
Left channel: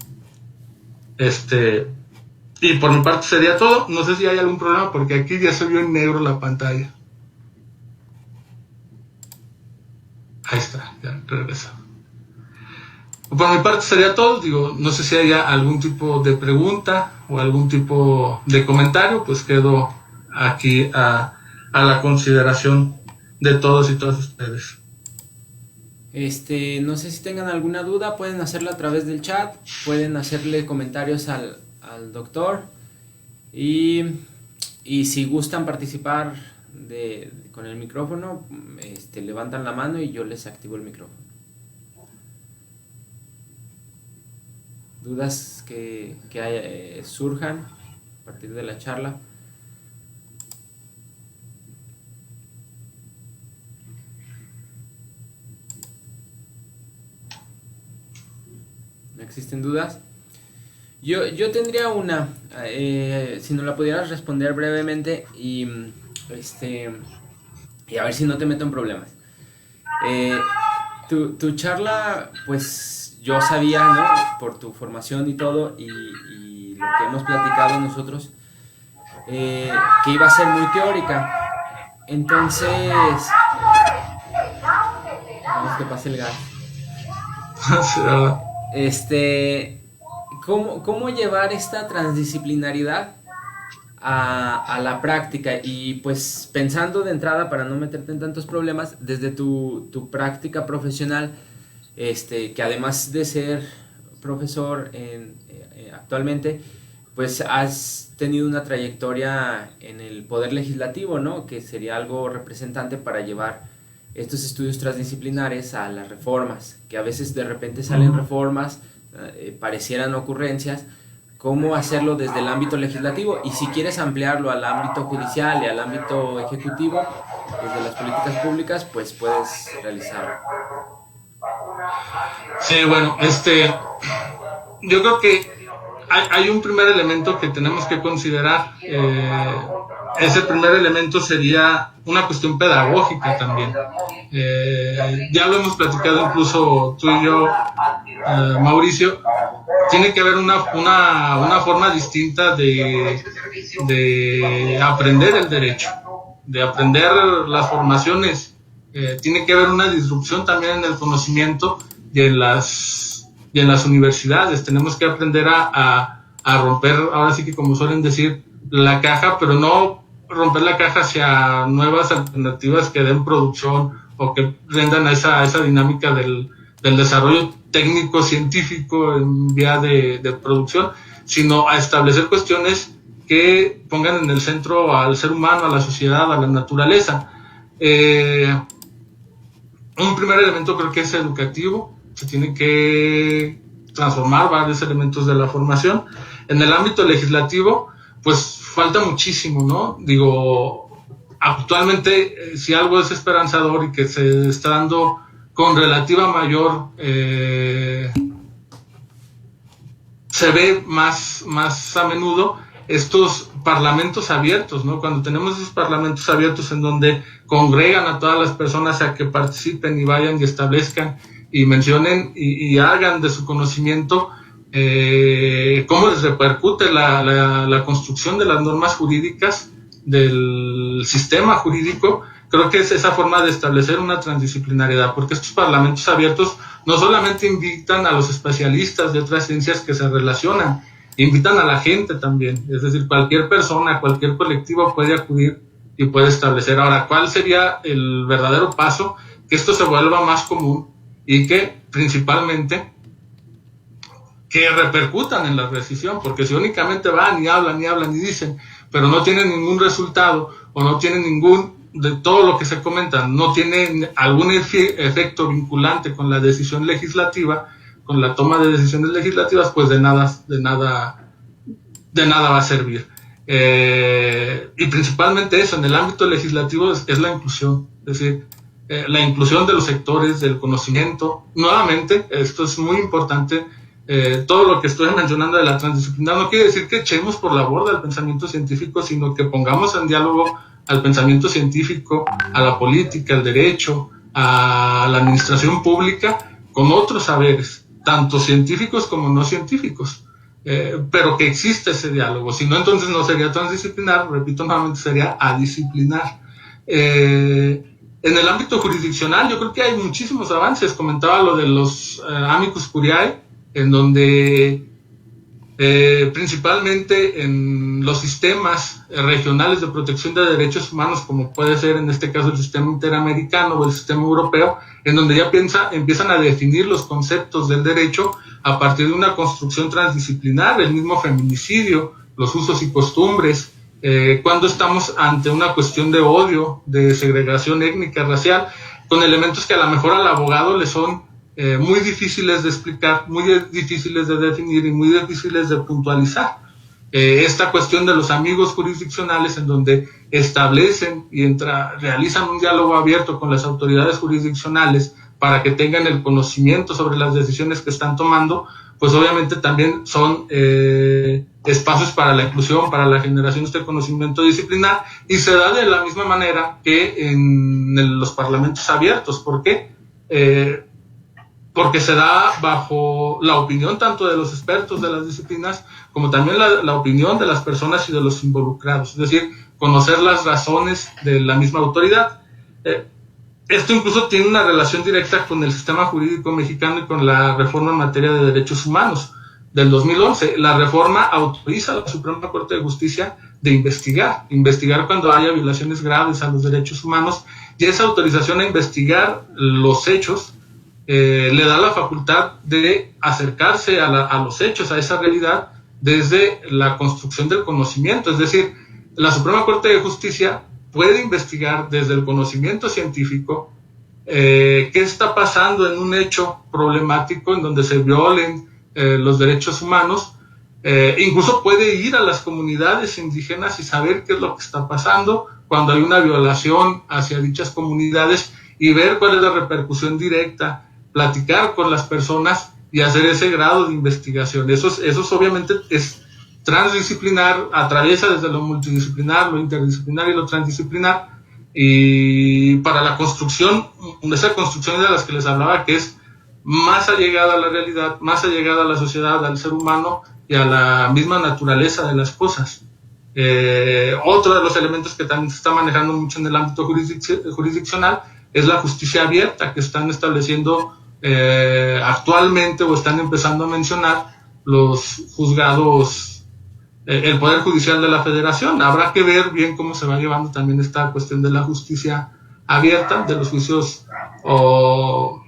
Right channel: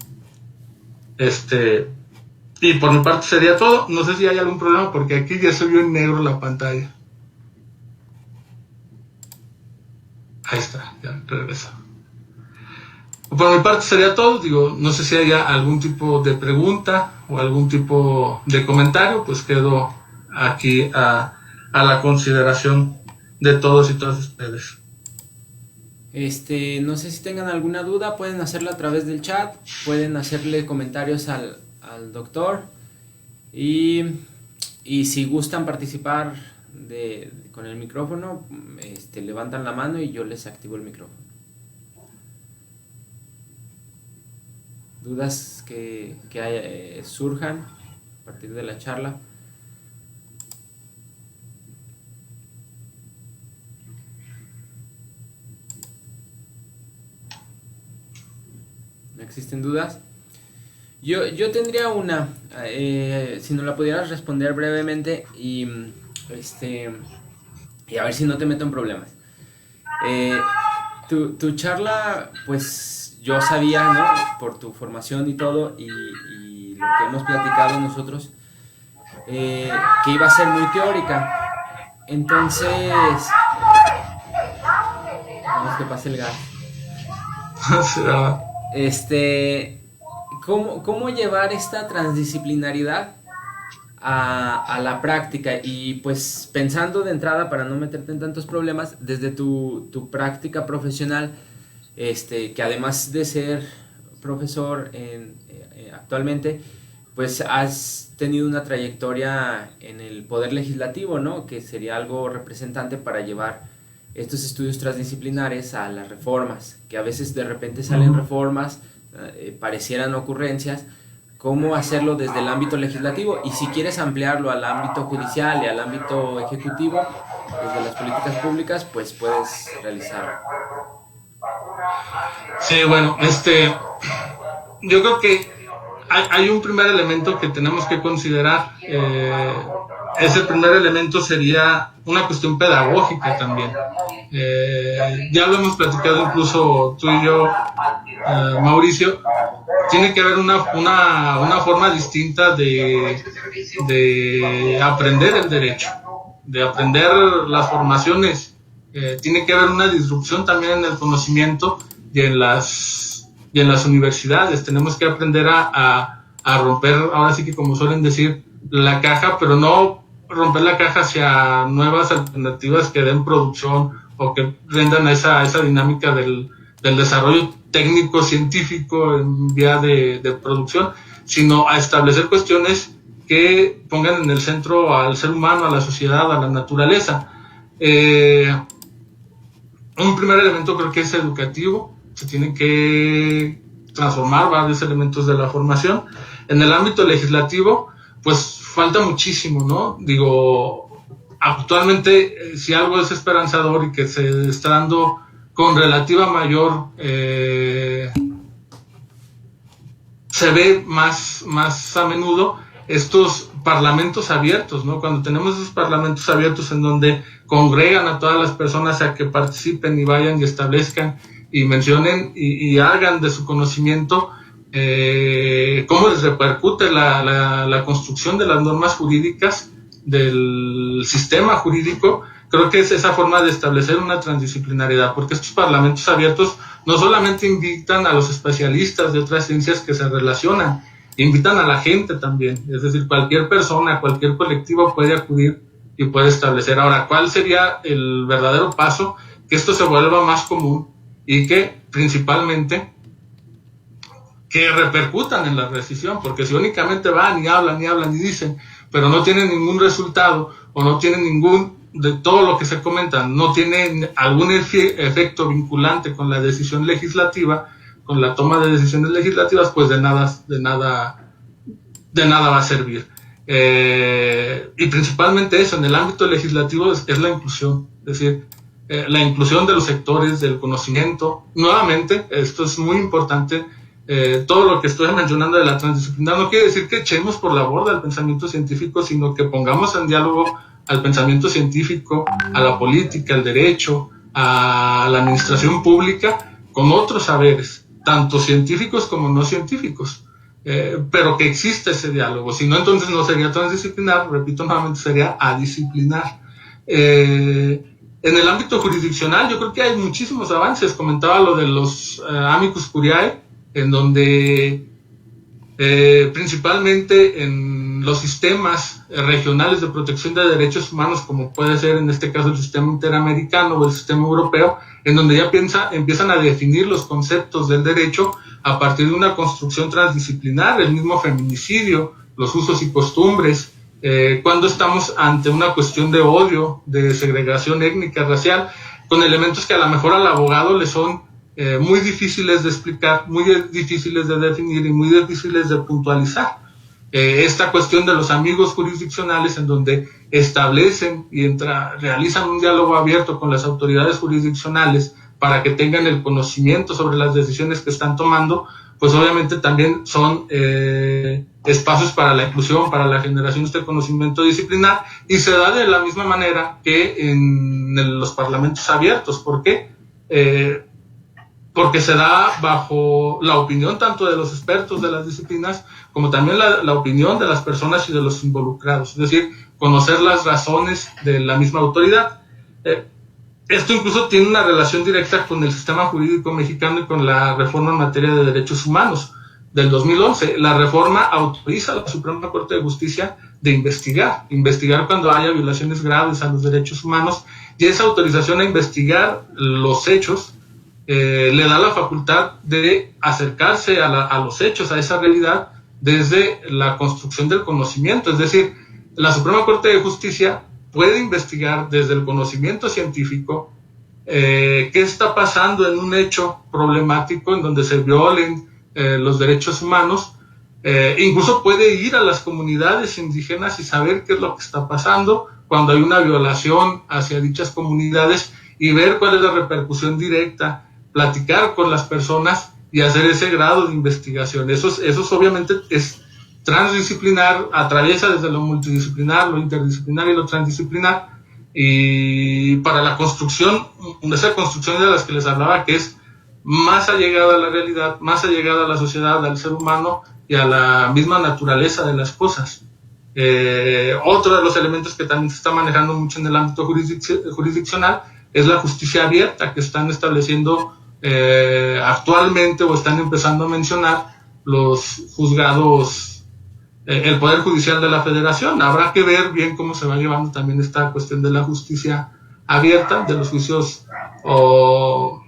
Y por mi parte sería todo. No sé si hay algún problema porque aquí ya se vio en negro la pantalla. Ahí está, ya regresa. Por mi parte sería todo. Digo, no sé si haya algún tipo de pregunta o algún tipo de comentario, pues quedo aquí a la consideración de todos y todas ustedes. No sé si tengan alguna duda, pueden hacerla a través del chat, pueden hacerle comentarios al doctor y si gustan participar con el micrófono, levantan la mano y yo les activo el micrófono. Dudas que surjan a partir de la charla. ¿No existen dudas? Yo tendría una, si no la pudieras responder brevemente y a ver si no te meto en problemas. Tu charla, pues yo sabía, ¿no? Por tu formación y todo y lo que hemos platicado nosotros, que iba a ser muy teórica. Entonces, vamos que pase el gas. ¿Cómo llevar esta transdisciplinaridad a la práctica? Y pues pensando de entrada, para no meterte en tantos problemas, desde tu práctica profesional, que además de ser profesor actualmente, pues has tenido una trayectoria en el Poder Legislativo, ¿no? Que sería algo representante para llevar estos estudios transdisciplinares a las reformas, que a veces de repente salen reformas, parecieran ocurrencias. ¿Cómo hacerlo desde el ámbito legislativo? Y si quieres ampliarlo al ámbito judicial y al ámbito ejecutivo, desde las políticas públicas, pues puedes realizarlo. Sí, bueno, yo creo que hay un primer elemento que tenemos que considerar. Ese primer elemento sería una cuestión pedagógica también. Ya lo hemos platicado incluso tú y yo, Mauricio. Tiene que haber una forma distinta de aprender el derecho, de aprender las formaciones. Tiene que haber una disrupción también en el conocimiento y en las universidades. Tenemos que aprender a romper, ahora sí que como suelen decir, la caja, pero no romper la caja hacia nuevas alternativas que den producción o que rendan a esa dinámica del desarrollo técnico, científico en vía de producción, sino a establecer cuestiones que pongan en el centro al ser humano, a la sociedad, a la naturaleza. Un primer elemento creo que es educativo. Se tiene que transformar varios elementos de la formación. En el ámbito legislativo, pues falta muchísimo, ¿no? Digo, actualmente, si algo es esperanzador y que se está dando con relativa mayor, se ve más a menudo estos parlamentos abiertos, ¿no? Cuando tenemos esos parlamentos abiertos en donde congregan a todas las personas a que participen y vayan y establezcan y mencionen y hagan de su conocimiento cómo les repercute la construcción de las normas jurídicas del sistema jurídico. Creo que es esa forma de establecer una transdisciplinariedad, porque estos parlamentos abiertos no solamente invitan a los especialistas de otras ciencias que se relacionan, invitan a la gente también, es decir, cualquier persona, cualquier colectivo puede acudir y puede establecer. Ahora, ¿cuál sería el verdadero paso? Que esto se vuelva más común y que principalmente que repercutan en la decisión, porque si únicamente van y hablan y dicen, pero no tienen ningún resultado o no tienen ningún, de todo lo que se comenta, no tienen algún efecto vinculante con la decisión legislativa, con la toma de decisiones legislativas, pues de nada va a servir. Y principalmente eso, en el ámbito legislativo es la inclusión, es decir, la inclusión de los sectores del conocimiento. Nuevamente, esto es muy importante, todo lo que estoy mencionando de la transdisciplinaridad no quiere decir que echemos por la borda el pensamiento científico, sino que pongamos en diálogo al pensamiento científico, a la política, al derecho, a la administración pública, con otros saberes, tanto científicos como no científicos. Pero que existe ese diálogo, si no entonces no sería transdisciplinar, repito nuevamente, sería adisciplinar. En el ámbito jurisdiccional yo creo que hay muchísimos avances, comentaba lo de los amicus curiae, en donde principalmente en los sistemas regionales de protección de derechos humanos, como puede ser en este caso el sistema interamericano o el sistema europeo, en donde ya empiezan a definir los conceptos del derecho a partir de una construcción transdisciplinar, el mismo feminicidio, los usos y costumbres, cuando estamos ante una cuestión de odio, de segregación étnica, racial, con elementos que a lo mejor al abogado le son muy difíciles de explicar, muy difíciles de definir y muy difíciles de puntualizar. Esta cuestión de los amigos jurisdiccionales, en donde establecen y realizan un diálogo abierto con las autoridades jurisdiccionales para que tengan el conocimiento sobre las decisiones que están tomando, pues obviamente también son espacios para la inclusión, para la generación de este conocimiento disciplinar, y se da de la misma manera que en los parlamentos abiertos. ¿Por qué? Porque se da bajo la opinión tanto de los expertos de las disciplinas como también la opinión de las personas y de los involucrados, es decir, conocer las razones de la misma autoridad. Esto incluso tiene una relación directa con el sistema jurídico mexicano y con la reforma en materia de derechos humanos del 2011. La reforma autoriza a la Suprema Corte de Justicia de investigar cuando haya violaciones graves a los derechos humanos, y esa autorización a investigar los hechos le da la facultad de acercarse a los hechos, a esa realidad, desde la construcción del conocimiento. Es decir, la Suprema Corte de Justicia puede investigar desde el conocimiento científico qué está pasando en un hecho problemático en donde se violen los derechos humanos. Incluso puede ir a las comunidades indígenas y saber qué es lo que está pasando cuando hay una violación hacia dichas comunidades y ver cuál es la repercusión directa, platicar con las personas y hacer ese grado de investigación. Eso obviamente es transdisciplinar, atraviesa desde lo multidisciplinar, lo interdisciplinar y lo transdisciplinar, y para la construcción, esa construcción de las que les hablaba, que es más allegada a la realidad, más allegada a la sociedad, al ser humano y a la misma naturaleza de las cosas. Otro de los elementos que también se está manejando mucho en el ámbito jurisdiccional es la justicia abierta, que están estableciendo actualmente o están empezando a mencionar los juzgados, el Poder Judicial de la Federación. Habrá que ver bien cómo se va llevando también esta cuestión de la justicia abierta, de los juicios o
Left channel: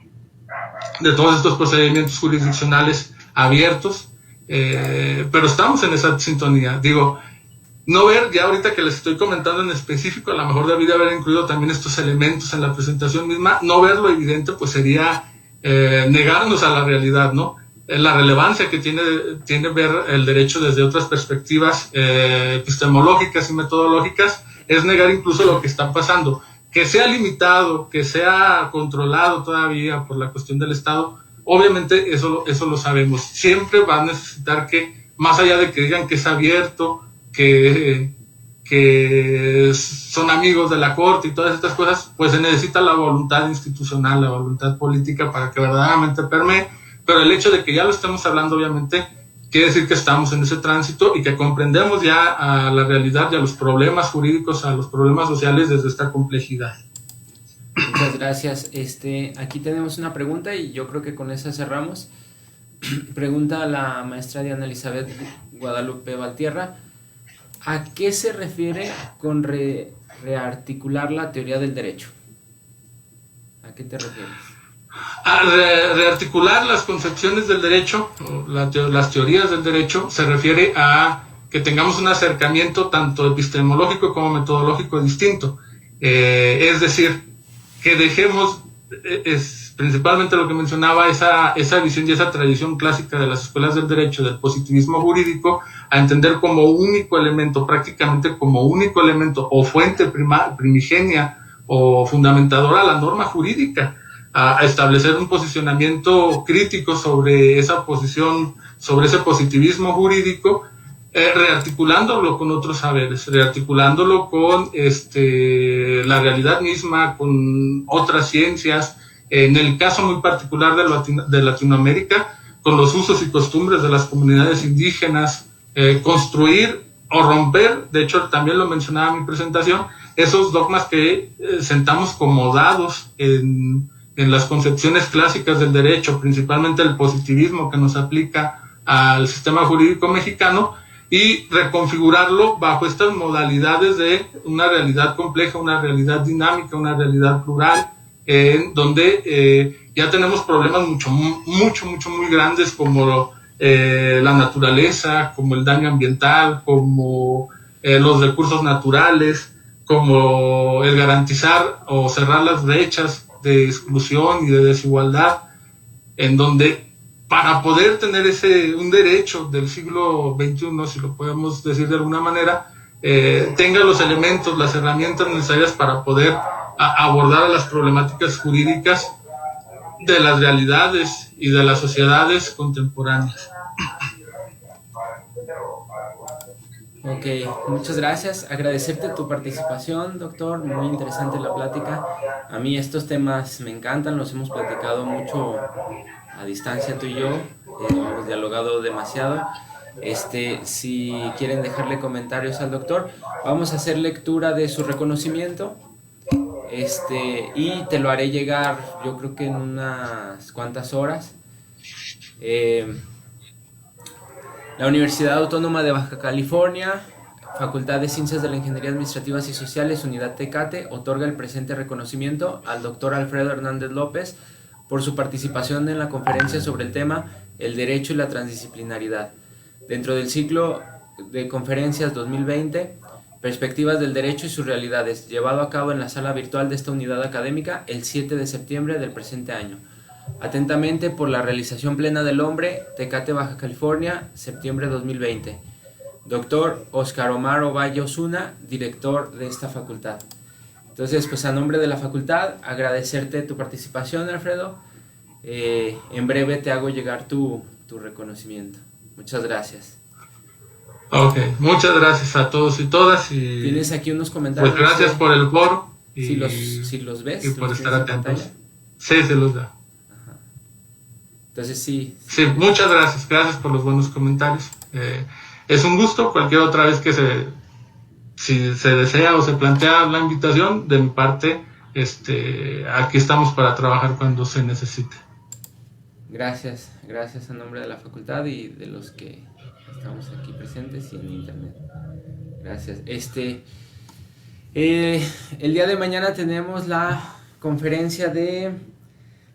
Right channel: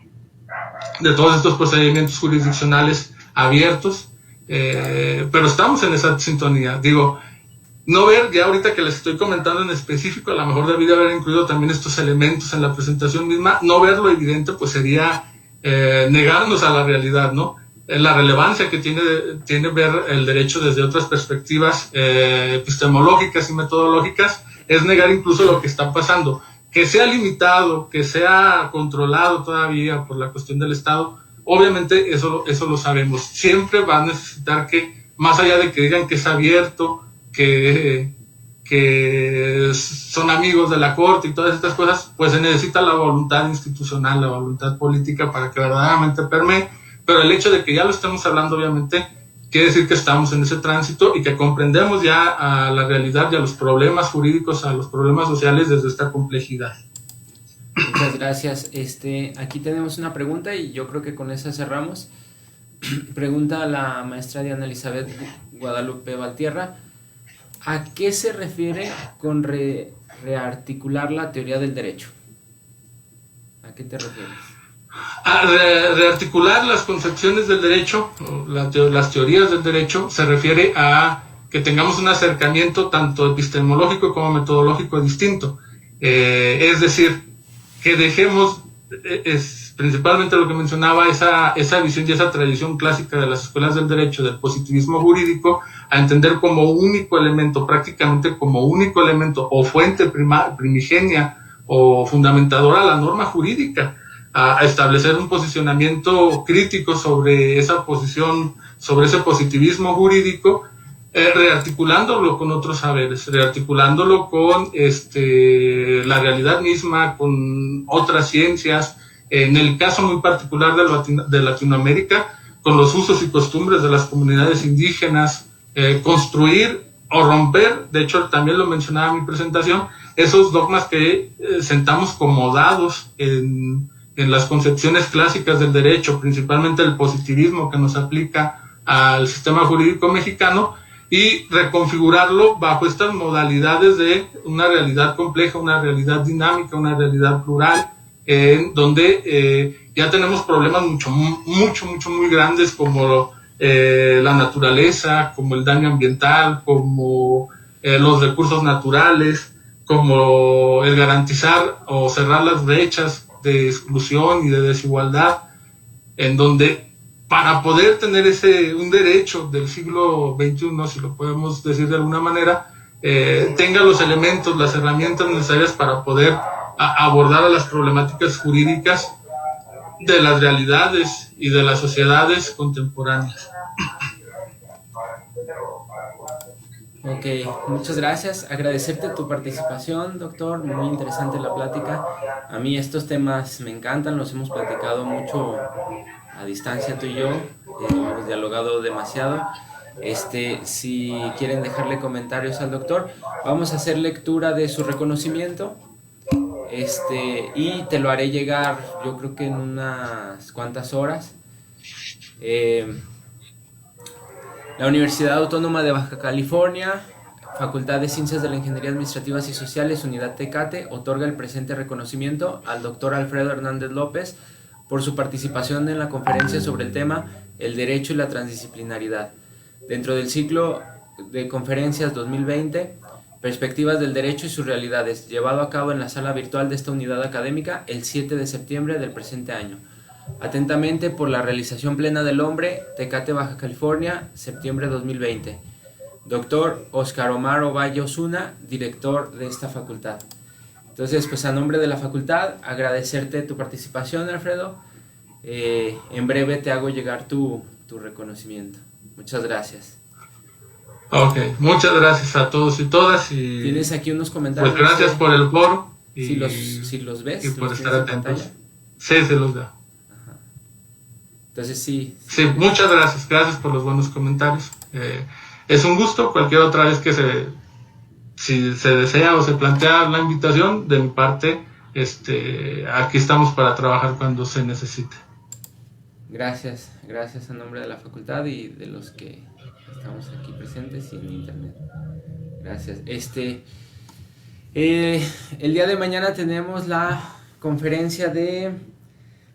de todos estos procedimientos jurisdiccionales abiertos, pero estamos en esa sintonía. Digo, no ver, ya ahorita que les estoy comentando en específico, a lo mejor debí de haber incluido también estos elementos en la presentación misma. No ver lo evidente pues sería negarnos a la realidad, ¿no? La relevancia que tiene ver el derecho desde otras perspectivas epistemológicas y metodológicas es negar incluso lo que está pasando. Que sea limitado, que sea controlado todavía por la cuestión del Estado, obviamente eso lo sabemos. Siempre va a necesitar que, más allá de que digan que es abierto, que son amigos de la Corte y todas estas cosas, pues se necesita la voluntad institucional, la voluntad política para que verdaderamente permee. Pero el hecho de que ya lo estemos hablando, obviamente, quiere decir que estamos en ese tránsito y que comprendemos ya a la realidad y a los problemas jurídicos, a los problemas sociales desde esta complejidad. Muchas gracias. Aquí tenemos una pregunta y yo creo que con esa cerramos. Pregunta a la maestra Diana Elizabeth Guadalupe Valtierra. ¿A qué se refiere con rearticular la teoría del derecho? ¿A qué te refieres? A rearticular las concepciones del derecho, las teorías del derecho, se refiere a que tengamos un acercamiento tanto epistemológico como metodológico distinto. Es decir, que dejemos, principalmente lo que mencionaba, esa visión y esa tradición clásica de las escuelas del derecho, del positivismo jurídico, a entender como único elemento, prácticamente como único elemento o fuente primigenia o fundamentadora la norma jurídica, a establecer un posicionamiento crítico sobre esa posición, sobre ese positivismo jurídico, rearticulándolo con otros saberes, rearticulándolo con la realidad misma, con otras ciencias, en el caso muy particular de Latinoamérica, con los usos y costumbres de las comunidades indígenas, construir o romper, de hecho también lo mencionaba en mi presentación, esos dogmas que sentamos como dados en las concepciones clásicas del derecho, principalmente el positivismo que nos aplica al sistema jurídico mexicano, y reconfigurarlo bajo estas modalidades de una realidad compleja, una realidad dinámica, una realidad plural, donde ya tenemos problemas muy grandes como la naturaleza, como el daño ambiental, como los recursos naturales, como el garantizar o cerrar las brechas de exclusión y de desigualdad, en donde para poder tener un derecho del siglo XXI, si lo podemos decir de alguna manera, tenga los elementos, las herramientas necesarias para poder abordar a las problemáticas jurídicas de las realidades y de las sociedades contemporáneas. Ok, muchas gracias. Agradecerte tu participación, doctor. Muy interesante la plática. A mí estos temas me encantan, los hemos platicado mucho a distancia tú y yo. Hemos dialogado demasiado. Si quieren dejarle comentarios al doctor, vamos a hacer lectura de su reconocimiento. Y te lo haré llegar, yo creo que en unas cuantas horas. La Universidad Autónoma de Baja California, Facultad de Ciencias de la Ingeniería Administrativas y Sociales, Unidad Tecate, otorga el presente reconocimiento al doctor Alfredo Hernández López por su participación en la conferencia sobre el tema El Derecho y la Transdisciplinaridad, dentro del ciclo de conferencias 2020, Perspectivas del Derecho y sus Realidades, llevado a cabo en la sala virtual de esta unidad académica el 7 de septiembre del presente año. Atentamente, por la realización plena del hombre, Tecate, Baja California, septiembre 2020. Doctor Oscar Omar Ovalle Osuna, director de esta facultad. Entonces, pues a nombre de la facultad, agradecerte tu participación, Alfredo. En breve te hago llegar tu reconocimiento. Muchas gracias. Ok, muchas gracias a todos y todas. Y tienes aquí unos comentarios. Pues gracias por el foro. Si los ves, y por estar atentos. Pantalla. Sí, se los da. Entonces sí. Sí, muchas gracias. Gracias por los buenos comentarios. Es un gusto. Cualquier otra vez que si se desea o se plantea la invitación, de mi parte, aquí estamos para trabajar cuando se necesite. Gracias a nombre de la facultad y de los que estamos aquí presentes y en internet. Gracias. El día de mañana tenemos la conferencia de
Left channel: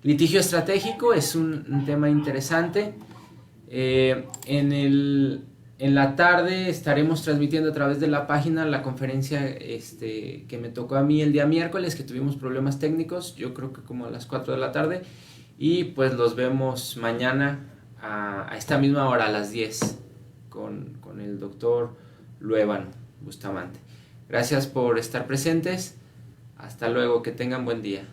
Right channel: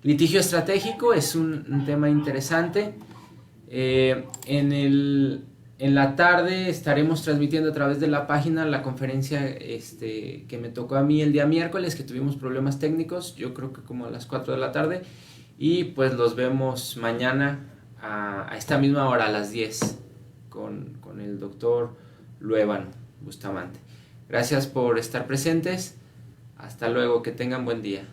litigio estratégico. Es un tema interesante. En la tarde estaremos transmitiendo a través de la página la conferencia que me tocó a mí el día miércoles, que tuvimos problemas técnicos, yo creo que como a las 4 de la tarde, y pues los vemos mañana a esta misma hora, a las 10, con el doctor Luevano Bustamante. Gracias por estar presentes, hasta luego, que tengan buen día.